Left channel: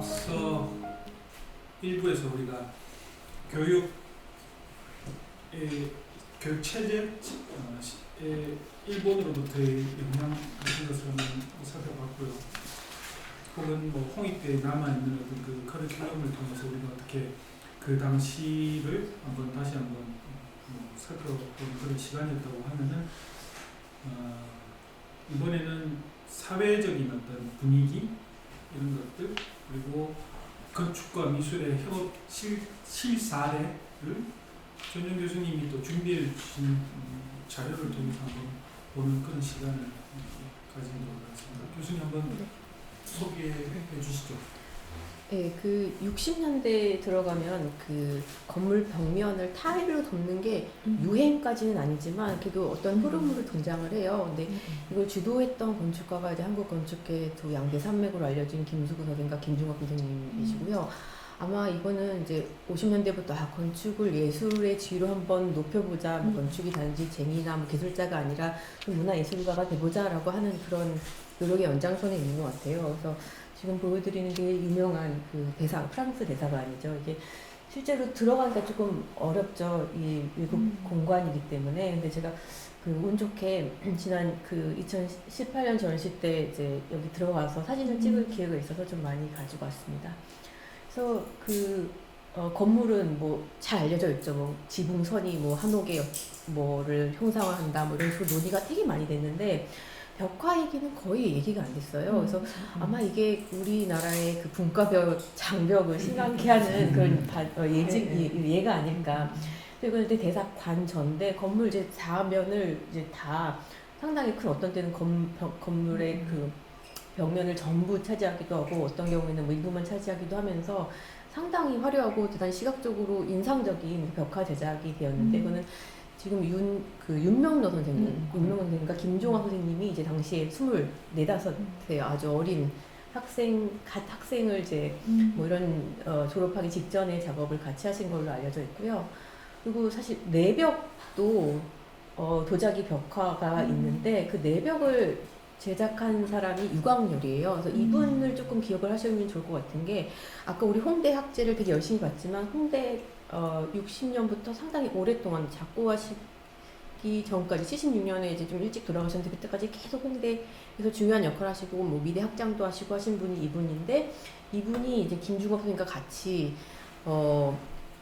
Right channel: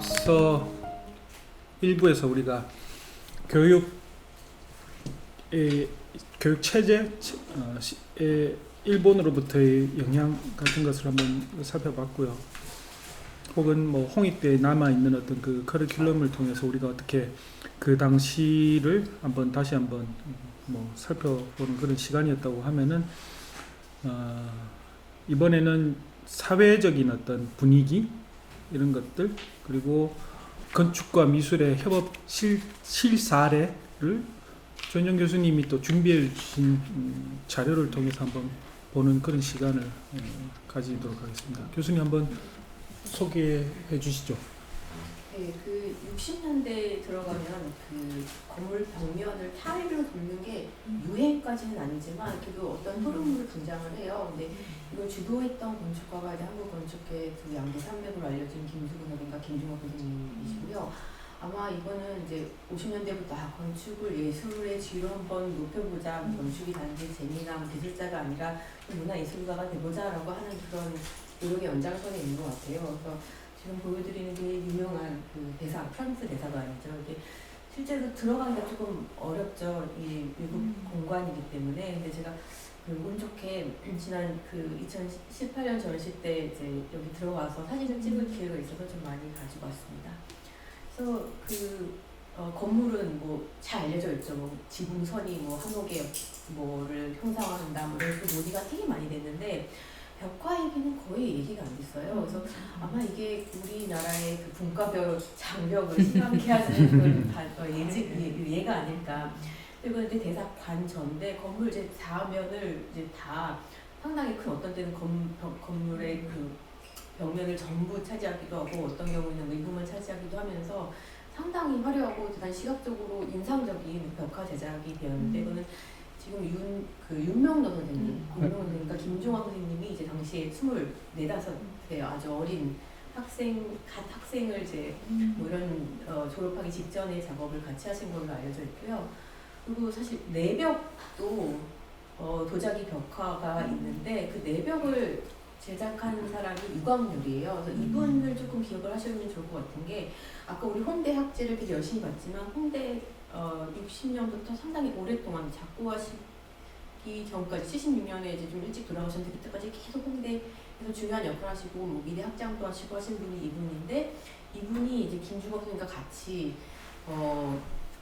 앞서 일부에서 우리가 교육 체제의 일본으로부터의 영향 같은 것을 한번 살펴봤고요. 혹은 뭐 홍익대에 남아 있는 어떤 그 커리큘럼을 통해서 우리가 어떻게 그 당시를 다시 한번 뭐 살펴보는 그런 시간이었다고 하면은 이번에는 사회적인 어떤 분위기 이런 것들, 그리고 건축과 미술의 협업 실사례를 전영 교수님이 또 준비해 주신 자료를 통해서 한번 보는 그런 시간을 가지도록 하겠습니다. 교수님 한번 소개해 주시죠. 네, 그 60년대에 들어가면 그 건물 벽면을 타일로 덮는 게 유행까지는 아니지만 그래도 어떤 흐름으로 등장을 해요. 근데 이걸 주도했던 건축가가 이제 한국 건축계 두 양대 산맥으로 알려진 김수구 선생과 김중학 선생님이시고요. 아마 이거는 이제 50년대부터 건축을 예술의 지위로 한번 높여보자, 건축이 단지 재미나 기술자가 아니라 문화예술가가 돼보자라고 하는 그런 노력의 연장선에 있는 것 같아요. 그래서 지금 보여드리는 게 유명한 그 대사, 프랑스 대사관이죠. 이게 실제로 들어가기가 조금 어렵죠. 이 미국 공관이기 때문에. 근데 제가 그 운 좋게 지난 그 2018년 전시 때 이제 여기 들어가서 사진을 찍을 기회가 있어서 좀 많이 가지고 왔습니다. 그래서 그 건물은 뭐 잘 알려져 있죠. 뭐 지붕선이 뭐 한옥의 뭐를 형상화한다, 뭐 이런 식으로 논의가 되게 많이 됐는데. 벽화 얘기는 거의 얘기가 안 됐어요. 그래서 아마 이게 우리나라의 그 분과벽, 장벽을 심하게 하는 그런 예가 아닐까. 그리고 이제 대사관 전대 건물 이제 4면을 이제 다 상당히 큰, 어떤 때는 건물의 그 벽면을 전부 차지하기도 하고 어떤 경우에는 뭐 일부만 차지하기도 하면서 상당히 화려하고 대단히 시각적으로 인상적인 벽화 제작이 되었는데 이거는 지금 윤명로 선생님, 윤명로 선생님과 김종학 선생님이 이제 당시에 24, 5세 아주 어린 학생을 이제 뭐 이런 졸업하기 직전에 작업을 같이 하신 걸로 알려져 있고요. 그리고 사실 내벽도 도자기 벽화가 있는데 그 내벽을 제작한 사람이 유광열이에요. 그래서 이분을 조금 기억을 하시면 좋을 것 같은 게, 아까 우리 홍대 학제를 되게 열심히 봤지만 홍대 60년부터 상당히 오랫동안 작고하시기 전까지 76년에 이제 좀 일찍 돌아가셨는데 그때까지 계속 홍대에서 중요한 역할을 하시고 뭐 미대 학장도 하시고 하신 분이 이분인데, 이분이 이제 김중학 선생님과 같이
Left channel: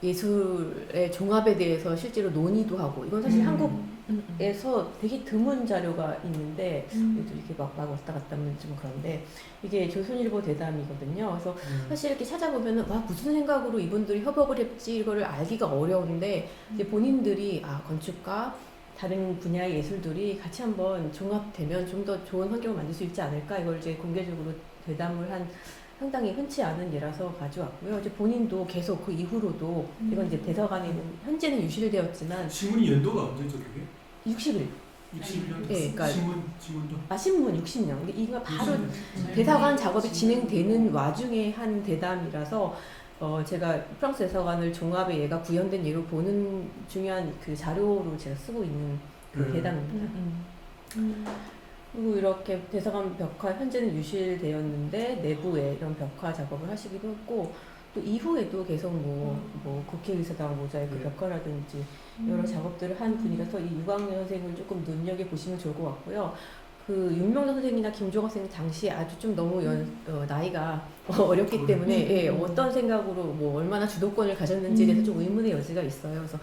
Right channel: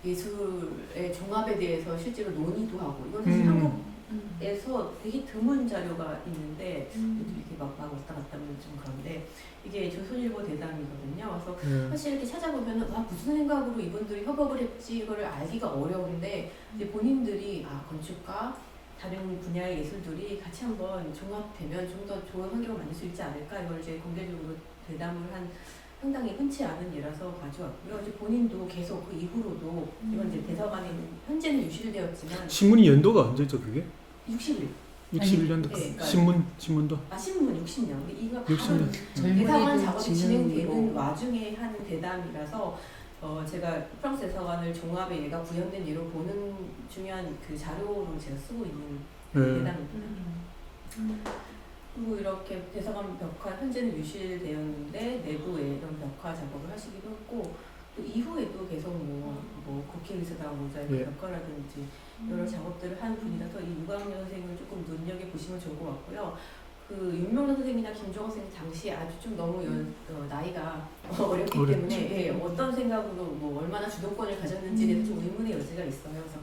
예술의 종합에 대해서 실제로 논의도 하고, 이건 사실 한국에서 되게 드문 자료가 있는데 이렇게 막 왔다 갔다 하면 좀 그런데, 이게 조선일보 대담이거든요. 그래서 사실 이렇게 찾아보면은 무슨 생각으로 이분들이 협업을 했지 이거를 알기가 어려운데, 이제 본인들이 건축과 다른 분야의 예술들이 같이 한번 종합되면 좀 더 좋은 환경을 만들 수 있지 않을까, 이걸 이제 공개적으로 대담을 한 상당히 흔치 않은 예라서 가져왔고요. 이제 본인도 계속 그 이후로도 이건 이제 대사관에 현재는 유실되었지만 신문이 연도가 언제죠 그게? 61. 61년도. 네, 그러니까 신문도. 신문 60년. 근데 이거 바로 60년. 대사관 작업이 진행되는 와중에 한 대담이라서 제가 프랑스 대사관을 종합의 예가 구현된 예로 보는 중요한 그 자료로 제가 쓰고 있는 그 대담입니다. 그리고 이렇게 대사관 벽화 현재는 유실되었는데 내부에 이런 벽화 작업을 하시기도 했고, 또 이후에도 계속 뭐 국회의사당 모자이크 벽화라든지 여러 작업들을 한 분이라서 이 유광열 선생님을 조금 눈여겨보시면 좋을 것 같고요. 그 윤명란 선생님이나 김종학 선생님 당시에 아주 좀 너무 나이가 어렸기 때문에 어떤 생각으로 뭐 얼마나 주도권을 가졌는지에 대해서 좀 의문의 여지가 있어요. 그래서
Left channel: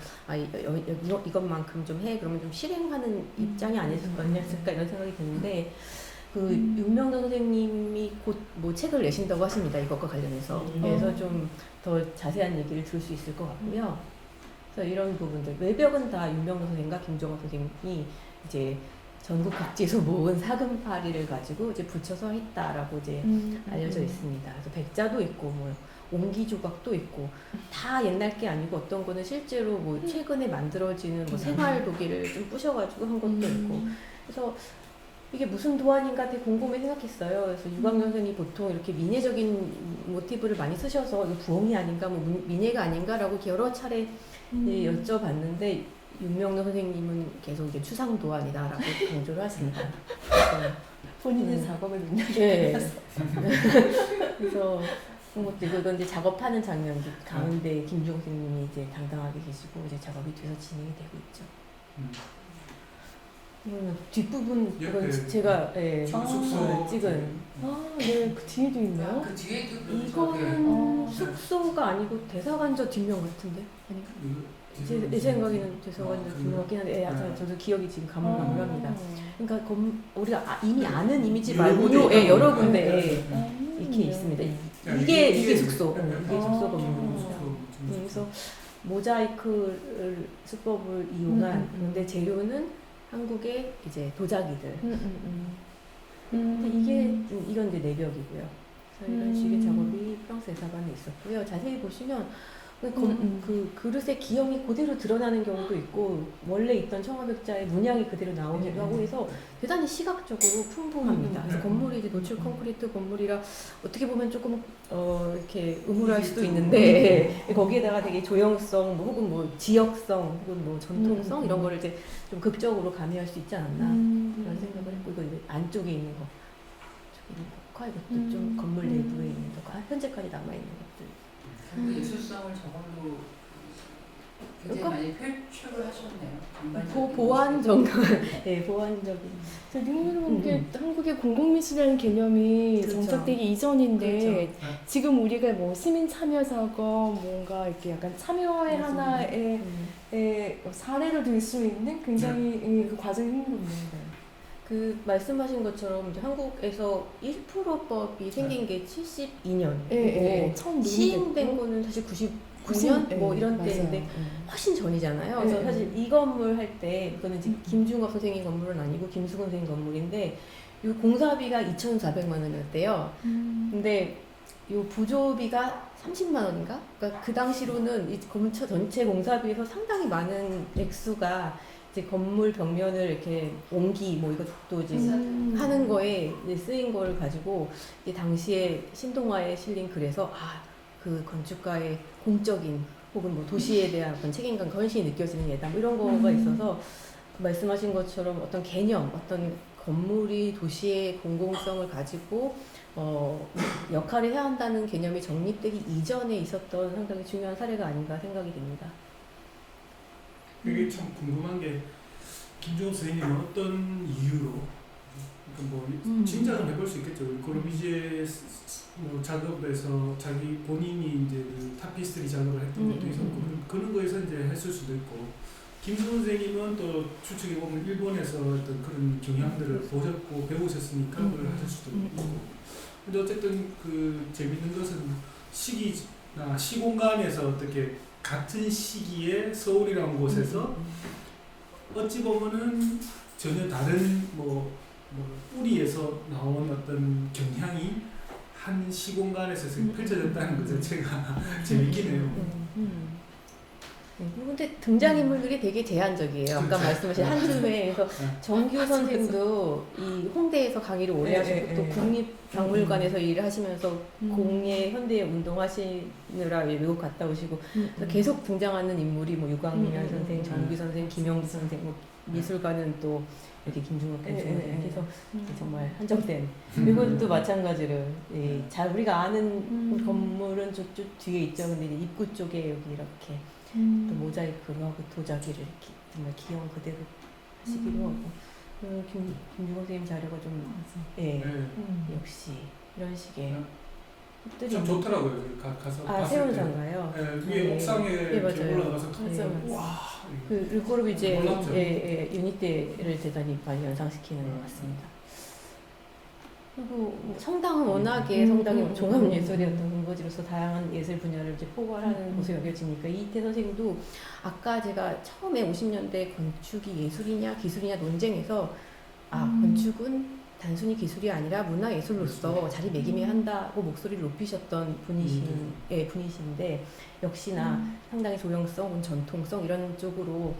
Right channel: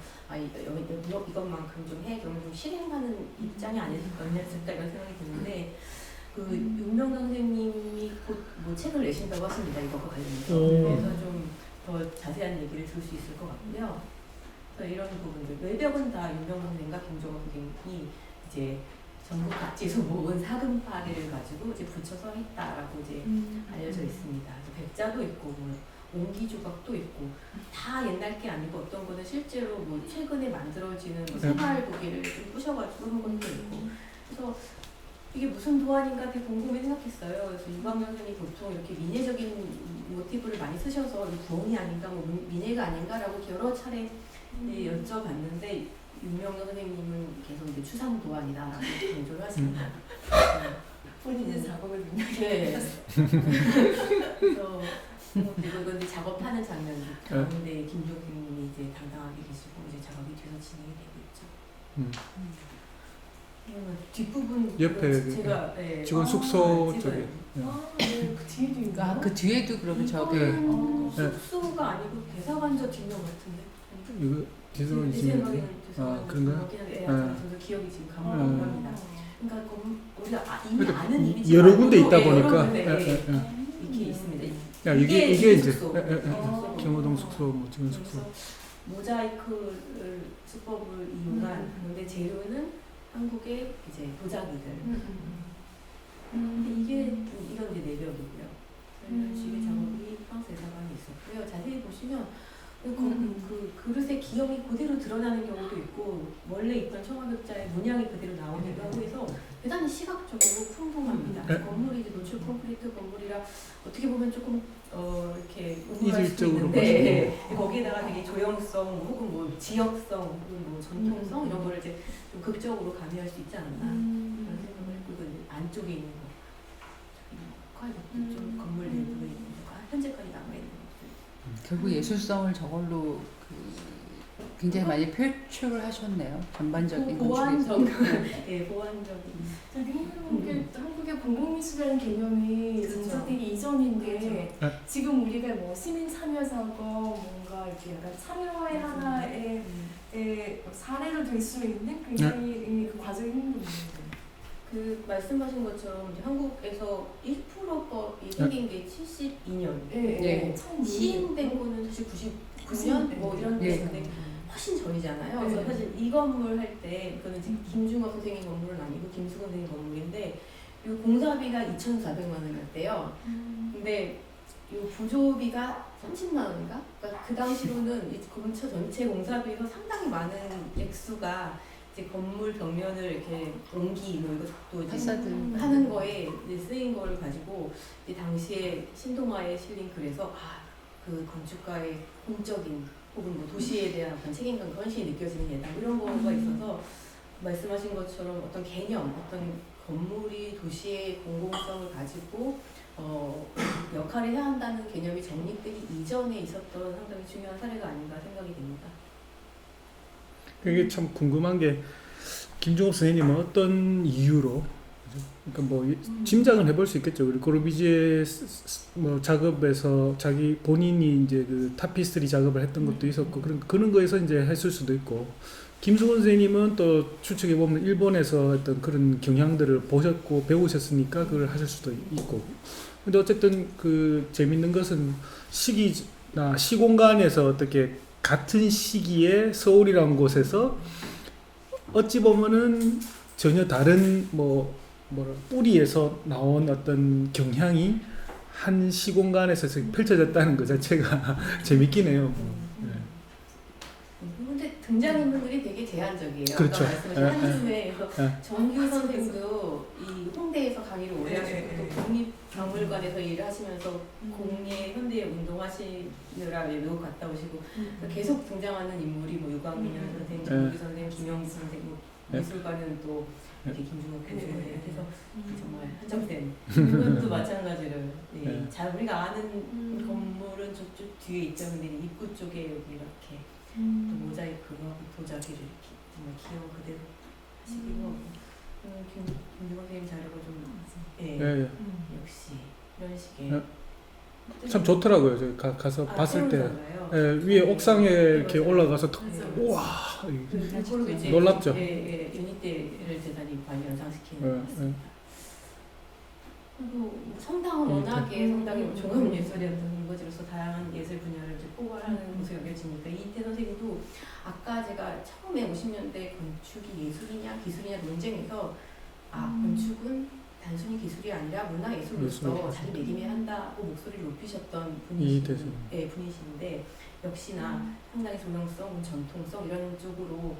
이것만큼 좀 해, 그러면 좀 실행하는 입장이 아니었을까 이런 생각이 드는데, 그 윤명란 선생님이 곧 뭐 책을 내신다고 하십니다. 이것과 관련해서. 그래서 좀 더 자세한 얘기를 들을 수 있을 것 같고요. 그래서 이런 부분들, 외벽은 다 윤명란 선생님과 김종학 선생님이 이제 전국 각지에서 모은 사금파리를 가지고 이제 붙여서 했다라고 이제 알려져 있습니다. 그래서 백자도 있고 뭐 옹기 조각도 있고 다 옛날 게 아니고 어떤 거는 실제로 뭐 최근에 만들어지는 뭐 생활 도기를 좀 부셔가지고 한 것도 있고, 그래서 이게 무슨 도안인가 되게 곰곰이 생각했어요. 그래서 유광열 선생님이 보통 이렇게 민예적인 모티브를 많이 쓰셔서 이거 부엉이 아닌가, 뭐 민예가 아닌가라고 여러 차례 여쭤봤는데, 윤명란 선생님은 계속 이제 추상 도안이다라고 강조를 하십니다. 본인의 작업을 능력이 그래서 그리고 이건 이제 작업하는 장면 가운데 김종 선생님이 이제 당당하게 계시고 이제 작업이 뒤에서 진행이 되고 있죠. 이거는 뒷부분 옆에 그건 제가 예, 지금 숙소 찍은 쪽에. 네, 그 뒤에도 있나요? 그 뒤에도 그러면 저기 이거는 숙소가 아니고 대사관 저 뒷면 같은데. 이거 기술 내 생각에는 대사관 그런가? 그렇긴 한데 예, 저도 기억이 지금 가물가물합니다. 아. 그러니까 우리가 이미 그러니까 아는 이미지 여러 군데 있다 말고도, 예, 여러 보니까. 군데 예, 예, 예. 이렇게 있습니다. 야, 이게 이제 숙소. 예, 예. 이게 숙소 경호동 숙소 뭐 지금 숙소. 그래서 모자이크 수법을 이용한 근데 재료는 한국의 이제 도자기들. 근데 이건 이제 내벽이고요. 이런 식의 작업이 프랑스 대사관에 있었고요. 자세히 보시면 그 그릇의 기형이 그대로 드러나는 경우도 있고 원래 있던 청화벽자의 문양이 그대로 나오기도 하고 해서 대단히 시각적으로 풍부합니다. 그래서 건물이 이제 노출 콘크리트 건물이라 어떻게 보면 조금 이렇게 의문할 수도 이질적으로 있는데 거기에다가 되게 조형성 뭐 혹은 뭐 지역성 혹은 뭐 전통성 이런 거를 이제 좀 극적으로 가미할 수 있지 않았나 그런 생각을 했고 이거 이제 안쪽에 있는 거 이것도 좀 건물 내부에 있는 거 현재까지 남아 있는 것들. 결국 예술성을 저걸로 굉장히 많이 표출을 하셨네요. 전반적인 보완적, 네 보완적인. 되게 흥미로운 게 한국의 공공미술이라는 개념이 그렇죠. 정착되기 이전인데 그렇죠. 지금 우리가 뭐 시민 참여 작업 뭔가 이렇게 약간 참여의 하나의 사례를 들 수 있는 굉장히 그 과정이 흥미롭네요. 그 말씀하신 것처럼 이제 한국에서 1%법이 생긴 게 72년. 네. 처음 시행된 거는 사실 99년 뭐 이런 맞아요. 때인데 훨씬 전이잖아요. 네. 그래서 사실 이 건물 할 때 이거는 이제 김중갑 선생님 건물은 아니고 김수근 선생님 건물인데 이 공사비가 2,400만 원이었대요. 근데 이 부조비가 30만 원인가? 그러니까 그 당시로는 이 건물 전체 공사비에서 상당히 많은 액수가 이제 건물 벽면을 이렇게 옹기 뭐 이것도 이제 하는 거에 이제 쓰인 거를 가지고 이제 당시에 신동아에 실린 글에서 그 건축가의 공적인 혹은 뭐 도시에 대한 어떤 책임감, 헌신이 느껴지는 예다 뭐 이런 거가 있어서 말씀하신 것처럼 어떤 개념, 어떤 건물이 도시의 공공성을 가지고 역할을 해야 한다는 개념이 정립되기 이전에 있었던 상당히 중요한 사례가 아닌가 생각이 됩니다. 이게 참 궁금한 게 김종업 선생님은 어떤 이유로 그러니까 뭐 짐작은 해볼 수 있겠죠. 우리 고르비지에 뭐 작업에서 자기 본인이 이제 그 타피스트리 작업을 했던 것도 있었고 그런 거에서 이제 했을 수도 있고 김수근 선생님은 또 추측해 보면 일본에서 어떤 그런 경향들을 보셨고 배우셨으니까 그걸 하실 수도 있고. 근데 어쨌든 그 재밌는 것은 시기나 시공간에서 어떻게 같은 시기에 서울이라는 곳에서 어찌 보면은 전혀 다른 뭐 뿌리에서 나온 어떤 경향이 한 시공간에서 펼쳐졌다는 것 자체가 재밌긴 해요. 근데 등장인물들이 되게 제한적이에요. 그렇죠. 아까 말씀하신 한줌에서 정규 아, 선생도 이 홍대에서 강의를 오래 하시고 또 국립박물관에서 일을 하시면서 공예 현대 운동하시느라 외국 갔다 오시고 계속 등장하는 인물이 뭐 유광민 선생, 정규 선생, 김영수 선생, 미술관은 또 이렇게 김중옥 선생 해서 정말 한정된 이것도 마찬가지로 자 우리가 아는 건물은 저쪽 뒤에 있죠. 근데 이제 입구 쪽에 여기 이렇게 또 모자이크하고 도자기를 이렇게 정말 기형 그대로 하시기도 하고 김중옥 선생님 자료가 좀 역시 이런 식의 참 좋더라고요. 저희 가서 봤을 때 위에 옥상에 이렇게 올라가서 와 그걸로 이제 놀랍죠. 연희대를 대단히 많이 연상시키는 것 같습니다. 그리고 뭐 성당은 워낙에 성당이 종합예술의 어떤 근거지로서 다양한 예술 분야를 이제 포괄하는 곳으로 여겨지니까 이태 선생님도 아까 제가 처음에 50년대 건축이 예술이냐 기술이냐 논쟁에서 건축은 단순히 기술이 아니라 문화예술로서 자리매김해야 한다고 목소리를 높이셨던 분이신데 역시나 상당히 조형성, 전통성 이런 쪽으로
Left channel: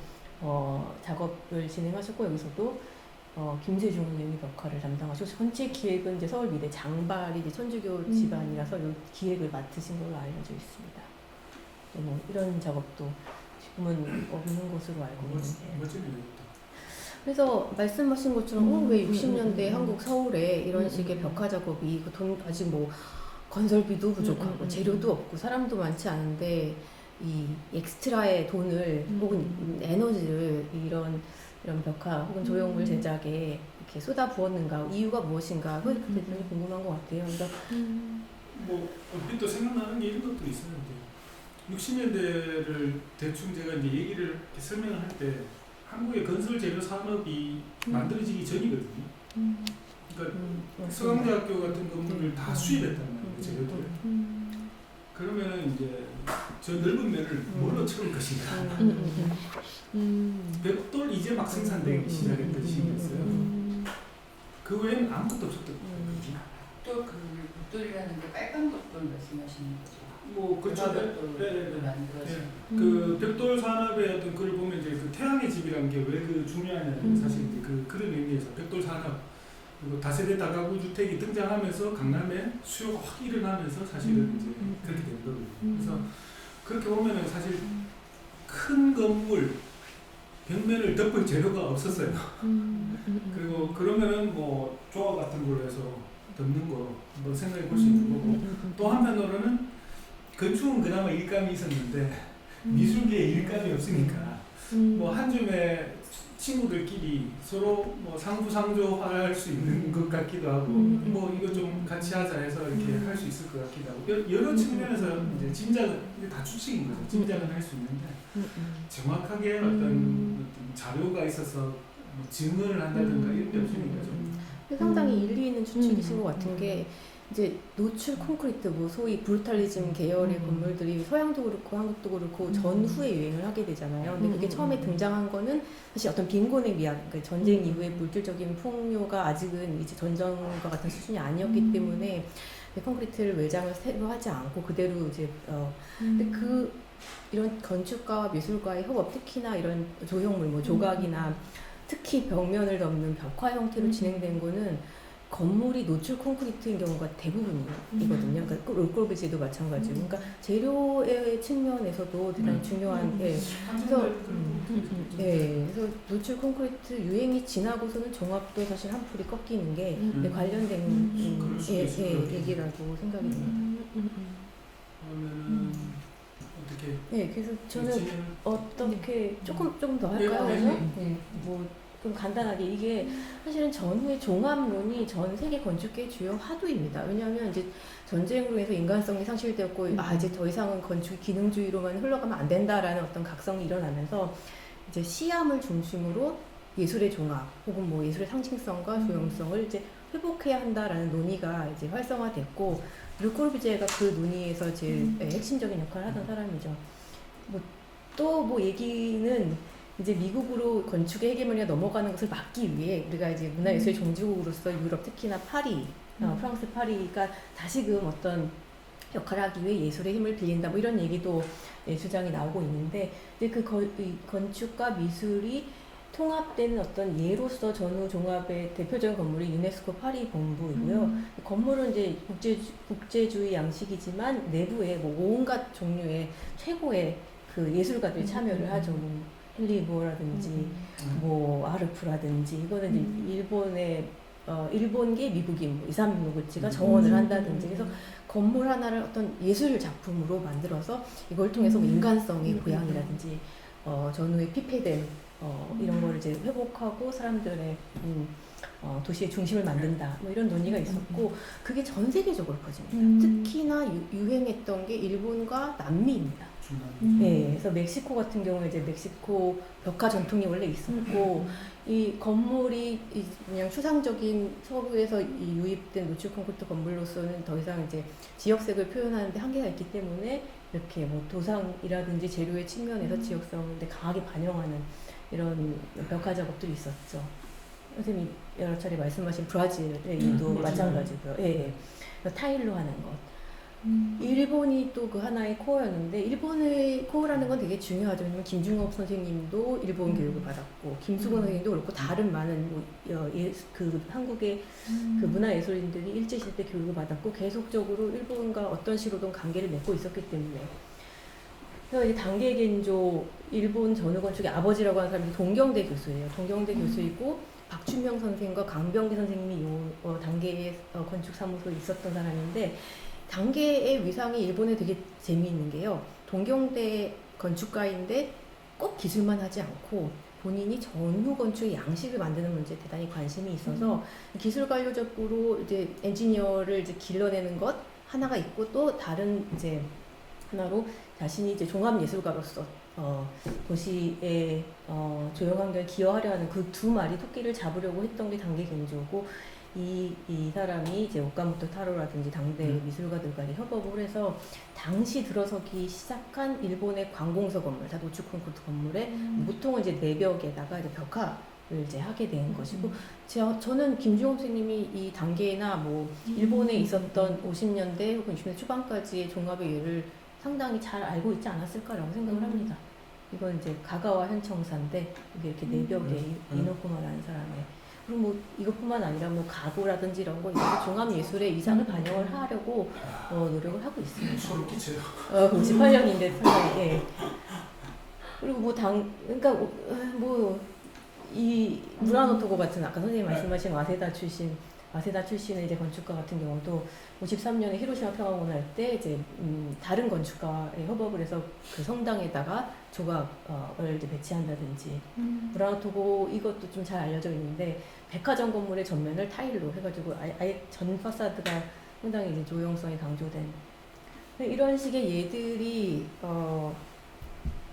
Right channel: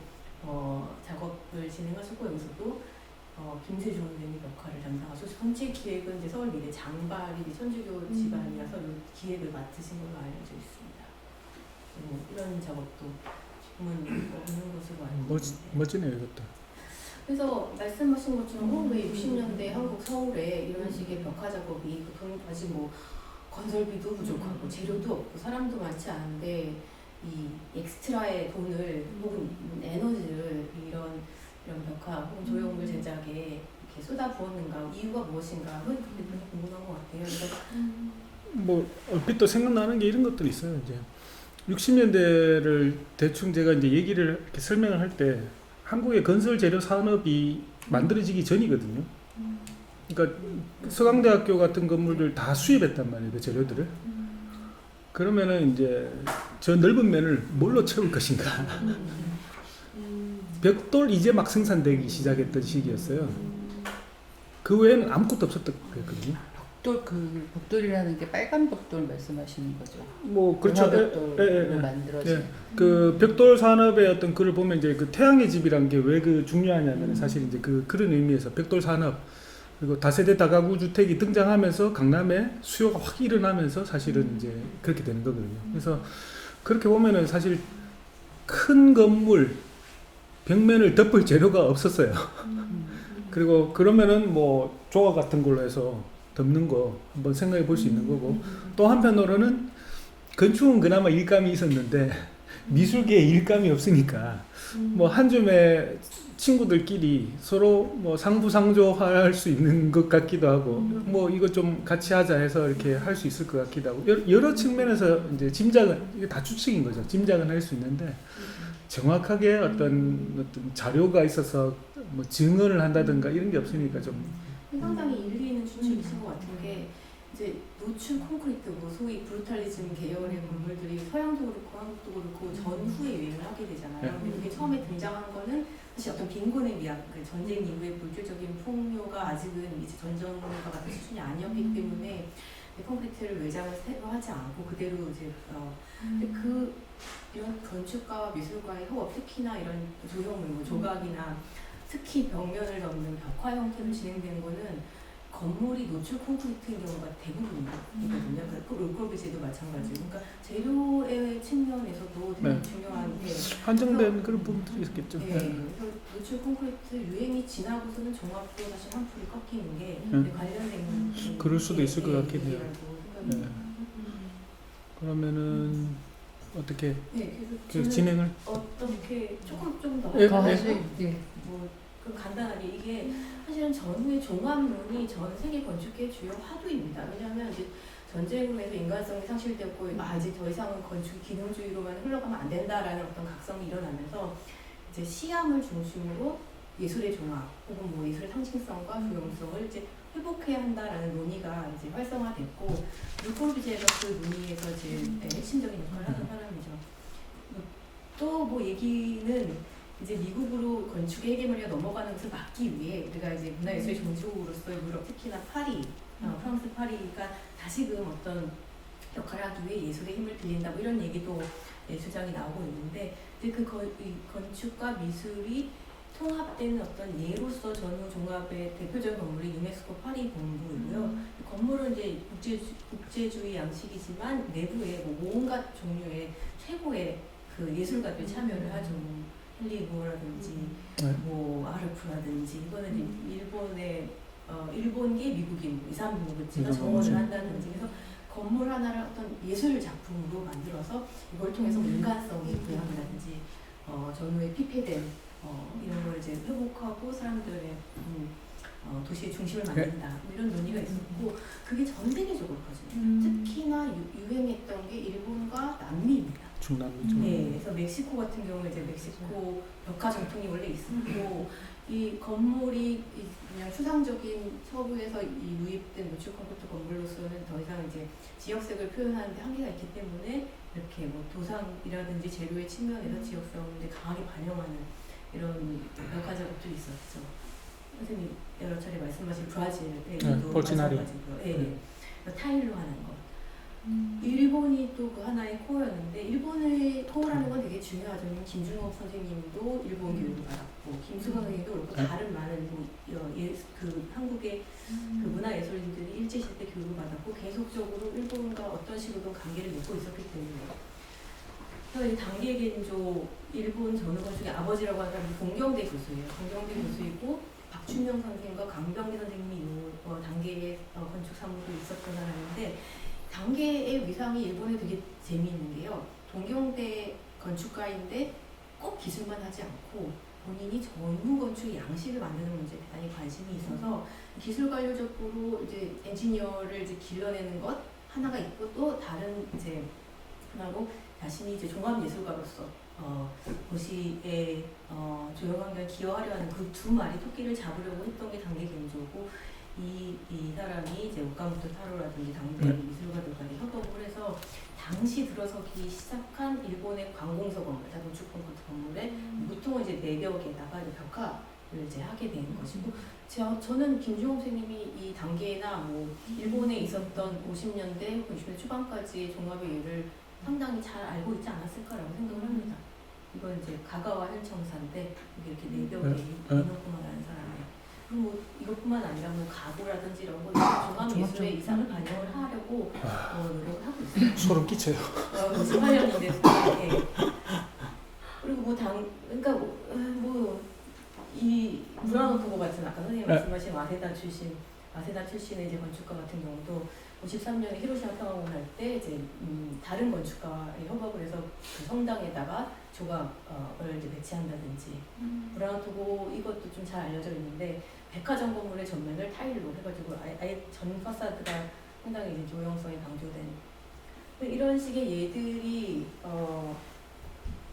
작업을 진행하셨고 여기서도 김세중 선생님이 역할을 담당하시고 전체 기획은 이제 서울미대 장발이 이제 천주교 집안이라서 기획을 맡으신 걸로 알려져 있습니다. 이런 작업도 지금은 없는 것으로 알고 있는데 멋지네요 이것도. 그래서 말씀하신 것처럼 왜 60년대 한국 서울에 이런 식의 벽화 작업이 아직 뭐 건설비도 부족하고 재료도 없고 사람도 많지 않은데 이 엑스트라의 돈을 혹은 에너지를 이런 벽화 혹은 조형물 제작에 이렇게 쏟아 부었는가 이유가 무엇인가 그게 굉장히 궁금한 것 같아요. 그러니까 뭐 얼핏 또 생각나는 게 이런 것들이 있어요. 이제 60년대를 대충 제가 이제 얘기를 이렇게 설명을 할 때 한국의 건설 재료 산업이 만들어지기 전이거든요. 그러니까 서강대학교 같은 건물을 다 수입했단 말이에요, 그 재료들을. 그러면은 이제 저 넓은 면을 뭘로 채울 것인가? 벽돌 이제 막 생산되기 시작했던 시기였어요. 그 외에는 아무것도 없었던 거였거든요. 벽돌이라는 게 빨간 벽돌 말씀하시는 거죠? 뭐 그렇죠. 벽돌로 만들어진. 그 벽돌 산업의 어떤 글을 보면 이제 그 태양의 집이라는 게 왜 그 중요하냐면 사실 이제 그런 의미에서 벽돌 산업 그리고 다세대 다가구 주택이 등장하면서 강남에 수요가 확 일어나면서 사실은 이제 그렇게 되는 거거든요. 그래서 그렇게 보면은 사실 큰 건물 벽면을 덮을 재료가 없었어요. 그리고 그러면은 뭐 조각 같은 걸로 해서 덮는 거 한번 생각해 볼 수 있는 거고 또 한편으로는 건축은 그나마 일감이 있었는데 미술계에 일감이 없으니까 뭐 한 줌의 친구들끼리 서로 뭐 상부상조할 수 있는 것 같기도 하고 뭐 이거 좀 같이 하자 해서 이렇게 할 수 있을 것 같기도 하고 여러 측면에서 이제 짐작은 이게 다 추측인 거죠. 짐작은 할 수 있는데 정확하게 어떤 자료가 있어서 뭐 증언을 한다든가 이런 게 없으니까 좀 상당히 일리 있는 추측이신 것 같은 게 이제 노출 콘크리트 뭐 소위 브루탈리즘 계열의 건물들이 서양도 그렇고 한국도 그렇고 전후에 유행을 하게 되잖아요. 근데 그게 처음에 등장한 거는 사실 어떤 빈곤에 의한 그 전쟁 이후의 물질적인 풍요가 아직은 이제 전전과 같은 수준이 아니었기 때문에 콘크리트를 외장을 새로 하지 않고 그대로 이제 근데 그 이런 건축가와 미술가의 협업 특히나 이런 조형물 뭐 조각이나 특히 벽면을 덮는 벽화 형태로 진행된 거는 건물이 노출 콘크리트인 경우가 대부분이거든요. 그러니까 롤코비제도 마찬가지고, 그러니까 재료의 측면에서도 되게 중요한 게 한정된 그런 부분들이 있겠죠. 네, 그래서 노출 콘크리트 유행이 지나고서는 종합도 사실 한풀이 꺾이는 게 관련된 그럴 수도 있을 것 같긴 해요. 얘기라고 생각이 듭니다. 그러면은 어떻게 네, 그래서 저는 진행을 어떻게 조금 좀 더 네, 할까요? 네. 뭐 좀 간단하게 이게 사실은 전후의 종합론이 전 세계 건축계의 주요 화두입니다. 왜냐하면 이제 전쟁으로 해서 인간성이 상실되었고 이제 더 이상은 건축 기능주의로만 흘러가면 안 된다라는 어떤 각성이 일어나면서 이제 시암을 중심으로 예술의 종합 혹은 뭐 예술의 상징성과 조형성을 이제 회복해야 한다라는 논의가 이제 활성화됐고 르코르비제가 그 논의에서 제일 핵심적인 역할을 하던 사람이죠. 또 뭐 얘기는 이제 미국으로 건축의 헤게모니가 넘어가는 것을 막기 위해 우리가 이제 문화예술의 종주국으로서 유럽 특히나 파리, 프랑스 파리가 다시금 어떤 역할을 하기 위해 예술의 힘을 빌린다 뭐 이런 얘기도 주장이 나오고 있는데 이제 그 건축과 미술이 통합되는 어떤 예로서 전후 종합의 대표적인 건물이 유네스코 파리 본부이고요. 건물은 이제 국제주의 양식이지만 내부에 뭐 온갖 종류의 최고의 그 예술가들이 참여를 하죠. 헨리 보어라든지 뭐 아르프라든지 이거는 일본의 일본계 미국인 2, 3등급지가 정원을 한다든지 그래서 건물 하나를 어떤 예술 작품으로 만들어서 이걸 통해서 인간성의 부양이라든지 전후에 피폐된 이런 걸 이제 회복하고 사람들의 도시의 중심을 만든다 뭐 이런 논의가 있었고 그게 전 세계적으로 퍼집니다. 특히나 유행했던 게 일본과 남미입니다. 중남미죠. 네, 그래서 멕시코 같은 경우에 이제 멕시코 벽화 전통이 원래 있었고 이 건물이 그냥 추상적인 서부에서 이 유입된 노출 콘크리트 건물로서는 더 이상 이제 지역색을 표현하는데 한계가 있기 때문에 이렇게 뭐 도상이라든지 재료의 측면에서 지역성을 강하게 반영하는 이런 벽화 작업들이 있었죠. 선생님 여러 차례 말씀하신 브라질의 일도 마찬가지고요. 예, 타일로 하는 것. 일본이 또 그 하나의 코어였는데 일본의 코어라는 건 되게 중요하죠. 김중업 선생님도 일본 교육을 받았고 김수건 선생님도 그렇고 다른 많은 그 한국의 그 문화예술인들이 일제시대 때 교육을 받았고 계속적으로 일본과 어떤 식으로든 관계를 맺고 있었기 때문에 그래서 이 당계겐조 일본 전후건축의 아버지라고 하는 사람이 동경대 교수예요. 동경대 교수이고 박춘명 선생과 강병기 선생님이 이 단계의 건축 사무소에 있었던 사람인데 단계의 위상이 일본에 되게 재미있는 게요. 동경대 건축가인데 꼭 기술만 하지 않고 본인이 전후 건축의 양식을 만드는 문제에 대단히 관심이 있어서 기술 관료적으로 이제 엔지니어를 이제 길러내는 것 하나가 있고 또 다른 이제 하나로 자신이 이제 종합예술가로서 도시의 조용한 걸 기여하려 하는 그 두 마리 토끼를 잡으려고 했던 게 단계 겐조고 이 사람이 이제 오카모토 타로라든지 당대 미술가들 간에 협업을 해서 당시 들어서기 시작한 일본의 관공서 건물, 다 노축 콘크리트 건물에 보통은 이제 내벽에다가 이제 벽화를 이제 하게 된 것이고 저는 김주홍 선생님이 이 단계나 뭐 일본에 있었던 50년대 혹은 60년대 초반까지의 종합의 예를 상당히 잘 알고 있지 않았을까라고 생각을 합니다. 이건 이제 가가와 현청사인데 이게 이렇게 내벽에 이노쿠마라는 사람의 그리고 뭐 이것뿐만 아니라 뭐 가구라든지 이런 거 종합 예술의 이상을 반영을 하려고 노력을 하고 있습니다. 소름 끼쳐요. 98년인데 상당히 그리고 뭐 그러니까 뭐 이 무라노토고 같은 아까 선생님 말씀하신 와세다 출신의 이제 건축가 같은 경우도 53년에 히로시마 평화문을 할 때 이제 다른 건축가에 협업을 해서 그 성당에다가 조각을 이제 배치한다든지 무라노토고 이것도 좀 잘 알려져 있는데 백화점 건물의 전면을 타일로 해가지고 아예 전 파사드가 상당히 이제 조형성이 강조된 이런 식의 예들이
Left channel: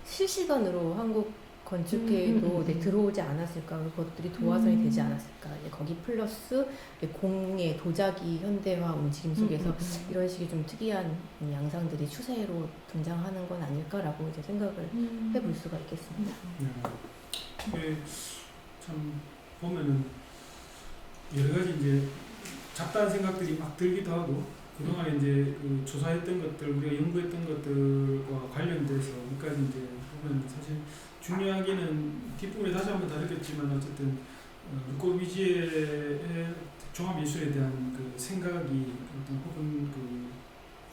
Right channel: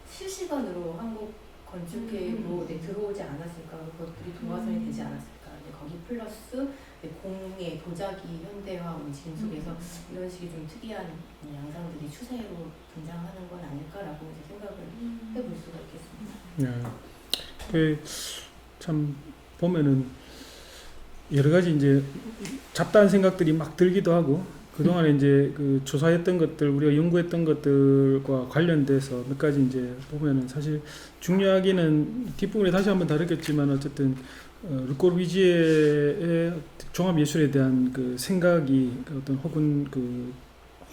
실시간으로 한국 건축계에도 들어오지 않았을까 그것들이 도화선이 되지 않았을까 거기 플러스 공예 도자기 현대화 움직임 속에서 이런 식의 좀 특이한 양상들이 추세로 등장하는 건 아닐까라고 이제 생각을 해볼 수가 있겠습니다. 참 보면은 여러 가지 이제 잡다한 생각들이 막 들기도 하고 그동안에 이제 그 조사했던 것들 우리가 연구했던 것들과 관련돼서 몇 가지 이제 보면은 사실 중요하게는 뒷부분에 다시 한번 다루겠지만 어쨌든 르꼬르비지에의 종합예술에 대한 그 생각이 어떤 혹은 그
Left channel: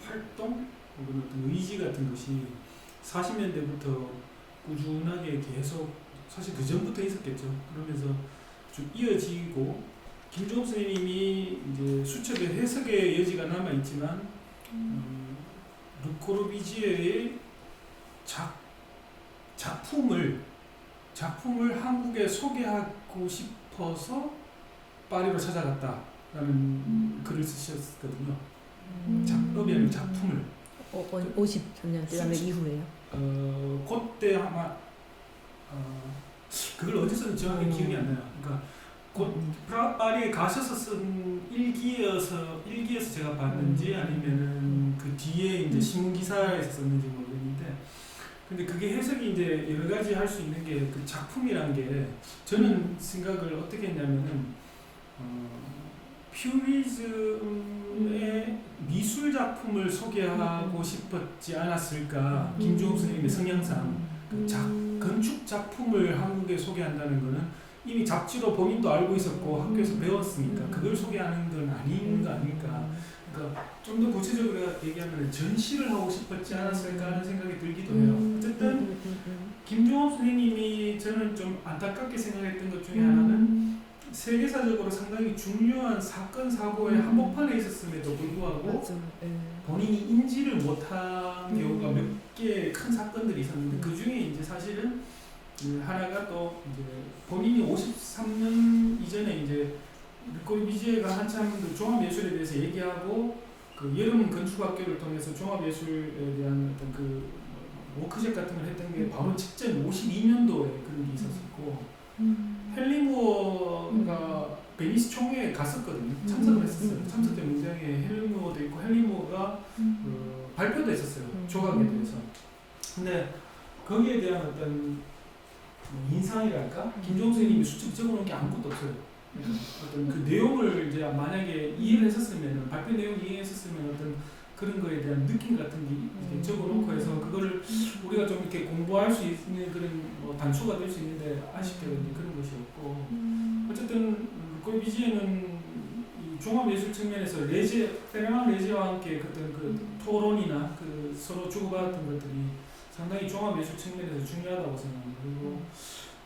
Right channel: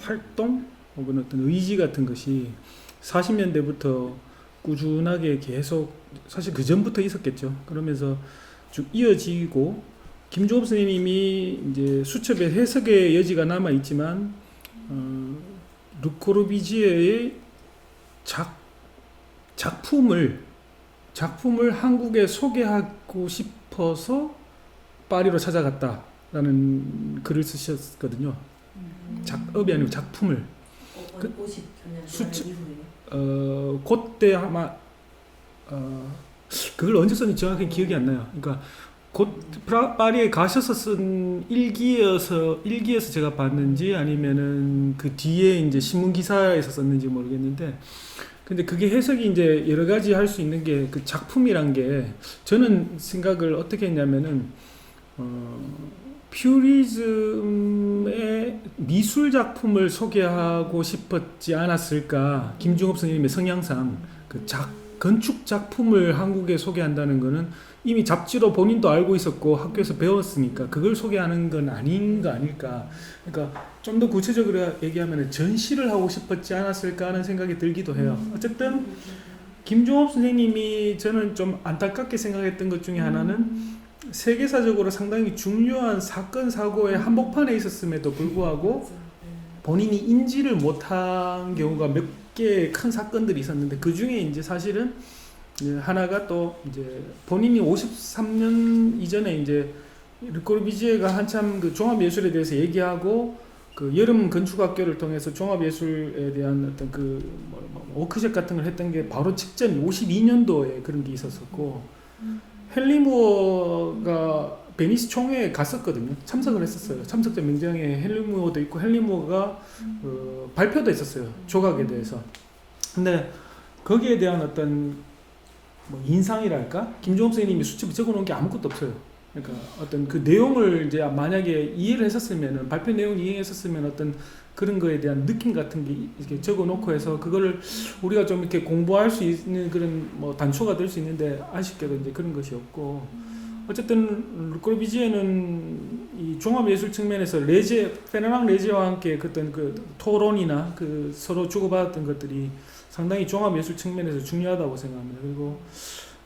활동 혹은 어떤 의지 같은 것이 40년대부터 꾸준하게 계속 사실 그 전부터 있었겠죠. 그러면서 쭉 이어지고 김종업 선생님이 이제 수첩의 해석의 여지가 남아 있지만 르꼬르비지에의 작품을 한국에 소개하고 싶어서 파리로 찾아갔다라는 글을 쓰셨거든요. 작업이 아니고 작품을. 50년 이후에요. 그때 아마 그걸 언제 썼는지 정확히 기억이 안 나요. 그러니까 곧 파리에 가셔서 쓴 일기여서 제가 봤는지 아니면은 그 뒤에 이제 신문 기사에서 썼는지 모르겠는데, 근데 그게 해석이 이제 여러 가지 할 수 있는 게 그 작품이란 게 저는 생각을 어떻게 했냐면은 퓨리즘의 미술 작품을 소개하고 싶었지 않았을까. 김종업 선생님의 성향상 그 건축 작품을 한국에 소개한다는 거는 이미 잡지로 본인도 알고 있었고 학교에서 배웠으니까 그걸 소개하는 건 아닌 거 아닐까. 그러니까 좀 더 구체적으로 얘기하면 전시를 하고 싶었지 않았을까 하는 생각이 들기도 해요. 어쨌든 김종업 선생님이 저는 좀 안타깝게 생각했던 것 중에 하나는 세계사적으로 상당히 중요한 사건 사고의 한복판에 있었음에도 불구하고 본인이 인지를 못한 경우가 몇 개의 큰 사건들이 있었는데, 그 중에 이제 사실은 하나가 또 이제 본인이 53년 이전에 이제 르꼬르비지에가 한참 그 종합예술에 대해서 얘기하고 그 여름 건축학교를 통해서 종합예술에 대한 어떤 그 워크숍 같은 걸 했던 게 바로 직전 52년도에 그런 게 있었었고, 헨리무어가 베니스 총회에 갔었거든요. 참석을 했었어요. 참석자 명장에 헨리무어도 있고 헨리무어가 발표도 했었어요. 조각에 대해서. 근데 거기에 대한 어떤 인상이랄까? 김종업 선생님이 수첩에 적어놓은 게 아무것도 없어요. 그러니까 어떤 그 내용을 이제 만약에 이해를 했었으면, 발표 내용을 이해했었으면 어떤 그런 거에 대한 느낌 같은 게 이렇게 적어놓고 해서 그거를 우리가 좀 이렇게 공부할 수 있는 그런 뭐 단초가 될 수 있는데 아쉽게도 이제 그런 것이 없고, 어쨌든 르꼬르비지에는 이 종합예술 측면에서 페르낭 레제와 함께 어떤 그 토론이나 그 서로 주고받았던 것들이 상당히 종합예술 측면에서 중요하다고 생각합니다. 그리고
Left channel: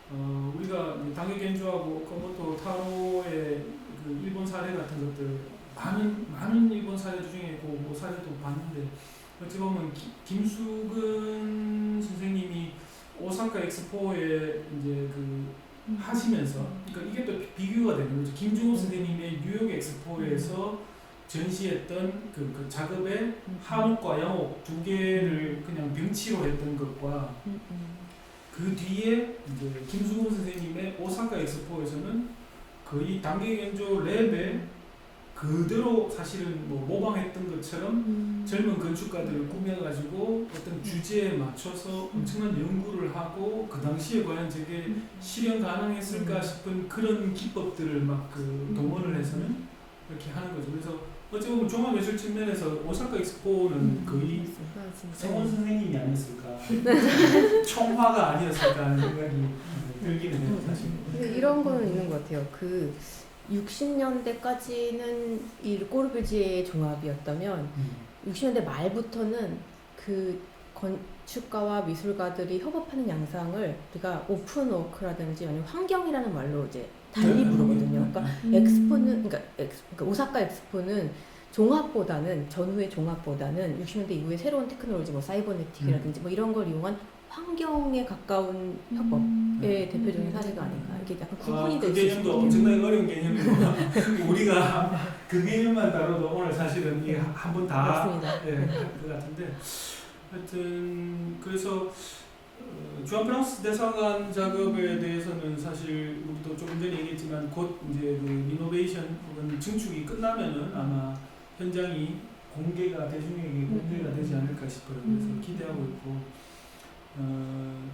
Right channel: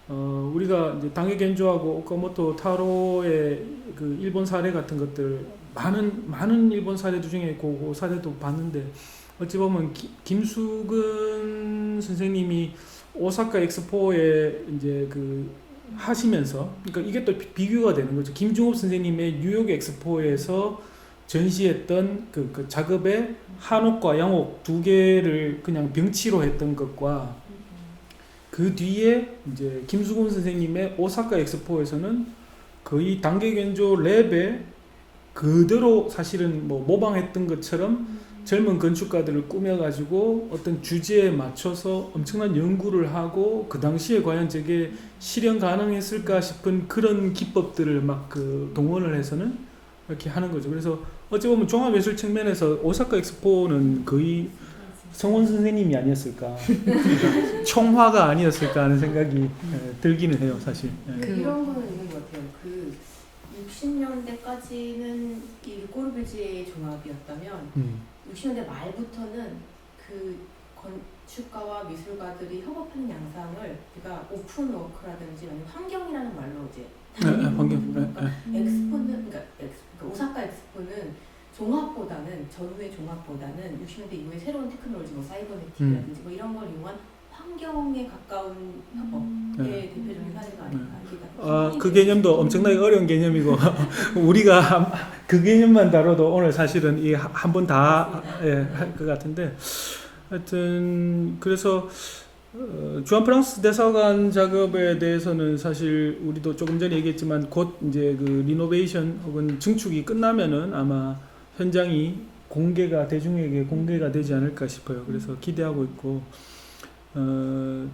우리가 이제 당해 겐조하고 오카모토 타로의 그 일본 사례 같은 것들 많은 일본 사례들 중에 그 사례도 봤는데 어찌 보면 김수근 선생님이 오사카 엑스포에 이제 그 하시면서 그러니까 이게 또 비교가 되는 거죠. 김중업 선생님의 뉴욕 엑스포에서 전시했던 그 작업의 한옥과 양옥 두 개를 그냥 병치로 했던 것과 그 뒤에 이제 김수근 선생님의 오사카 엑스포에서는 거의 단계견조 랩에 그대로 사실은 뭐 모방했던 것처럼 젊은 건축가들을 꾸며가지고 어떤 주제에 맞춰서 엄청난 연구를 하고 그 당시에 과연 저게 실현 가능했을까 싶은 그런 기법들을 막 그 동원을 해서는 이렇게 하는 거죠. 그래서 어찌 보면 종합예술 측면에서 오사카 엑스포는 거의 성원 선생님이 아니었을까, 총화가 아니었을까 하는 생각이 들기는 해요, 사실. 이런 거는 있는 것 같아요. 그 60년대까지는 이 꼬르비지의 종합이었다면 60년대 말부터는 그 건축가와 미술가들이 협업하는 양상을 우리가 오픈워크라든지 아니면 환경이라는 말로 이제 달리 부르거든요. 그러니까 엑스포는 그러니까 오사카 엑스포는 종합보다는 전후의 종합보다는 60년대 이후에 새로운 테크놀로지 뭐 사이버네틱이라든지 뭐 이런 걸 이용한 환경에 가까운 협업의 대표적인 사례가 아닌가. 이게 약간 그 개념도 엄청나게 어려운 개념이고 우리가 그 개념만 다뤄도 오늘 사실은 이 한 번 다 할 것 같은데 하여튼 그래서 주한 프랑스 대사관 작업에 대해서는 사실 우리도 조금 전에 얘기했지만 곧 이제 그 리노베이션 혹은 증축이 끝나면은 아마 현장이 대중에게 공개가 되지 않을까 싶어요. 그래서 기대하고 있고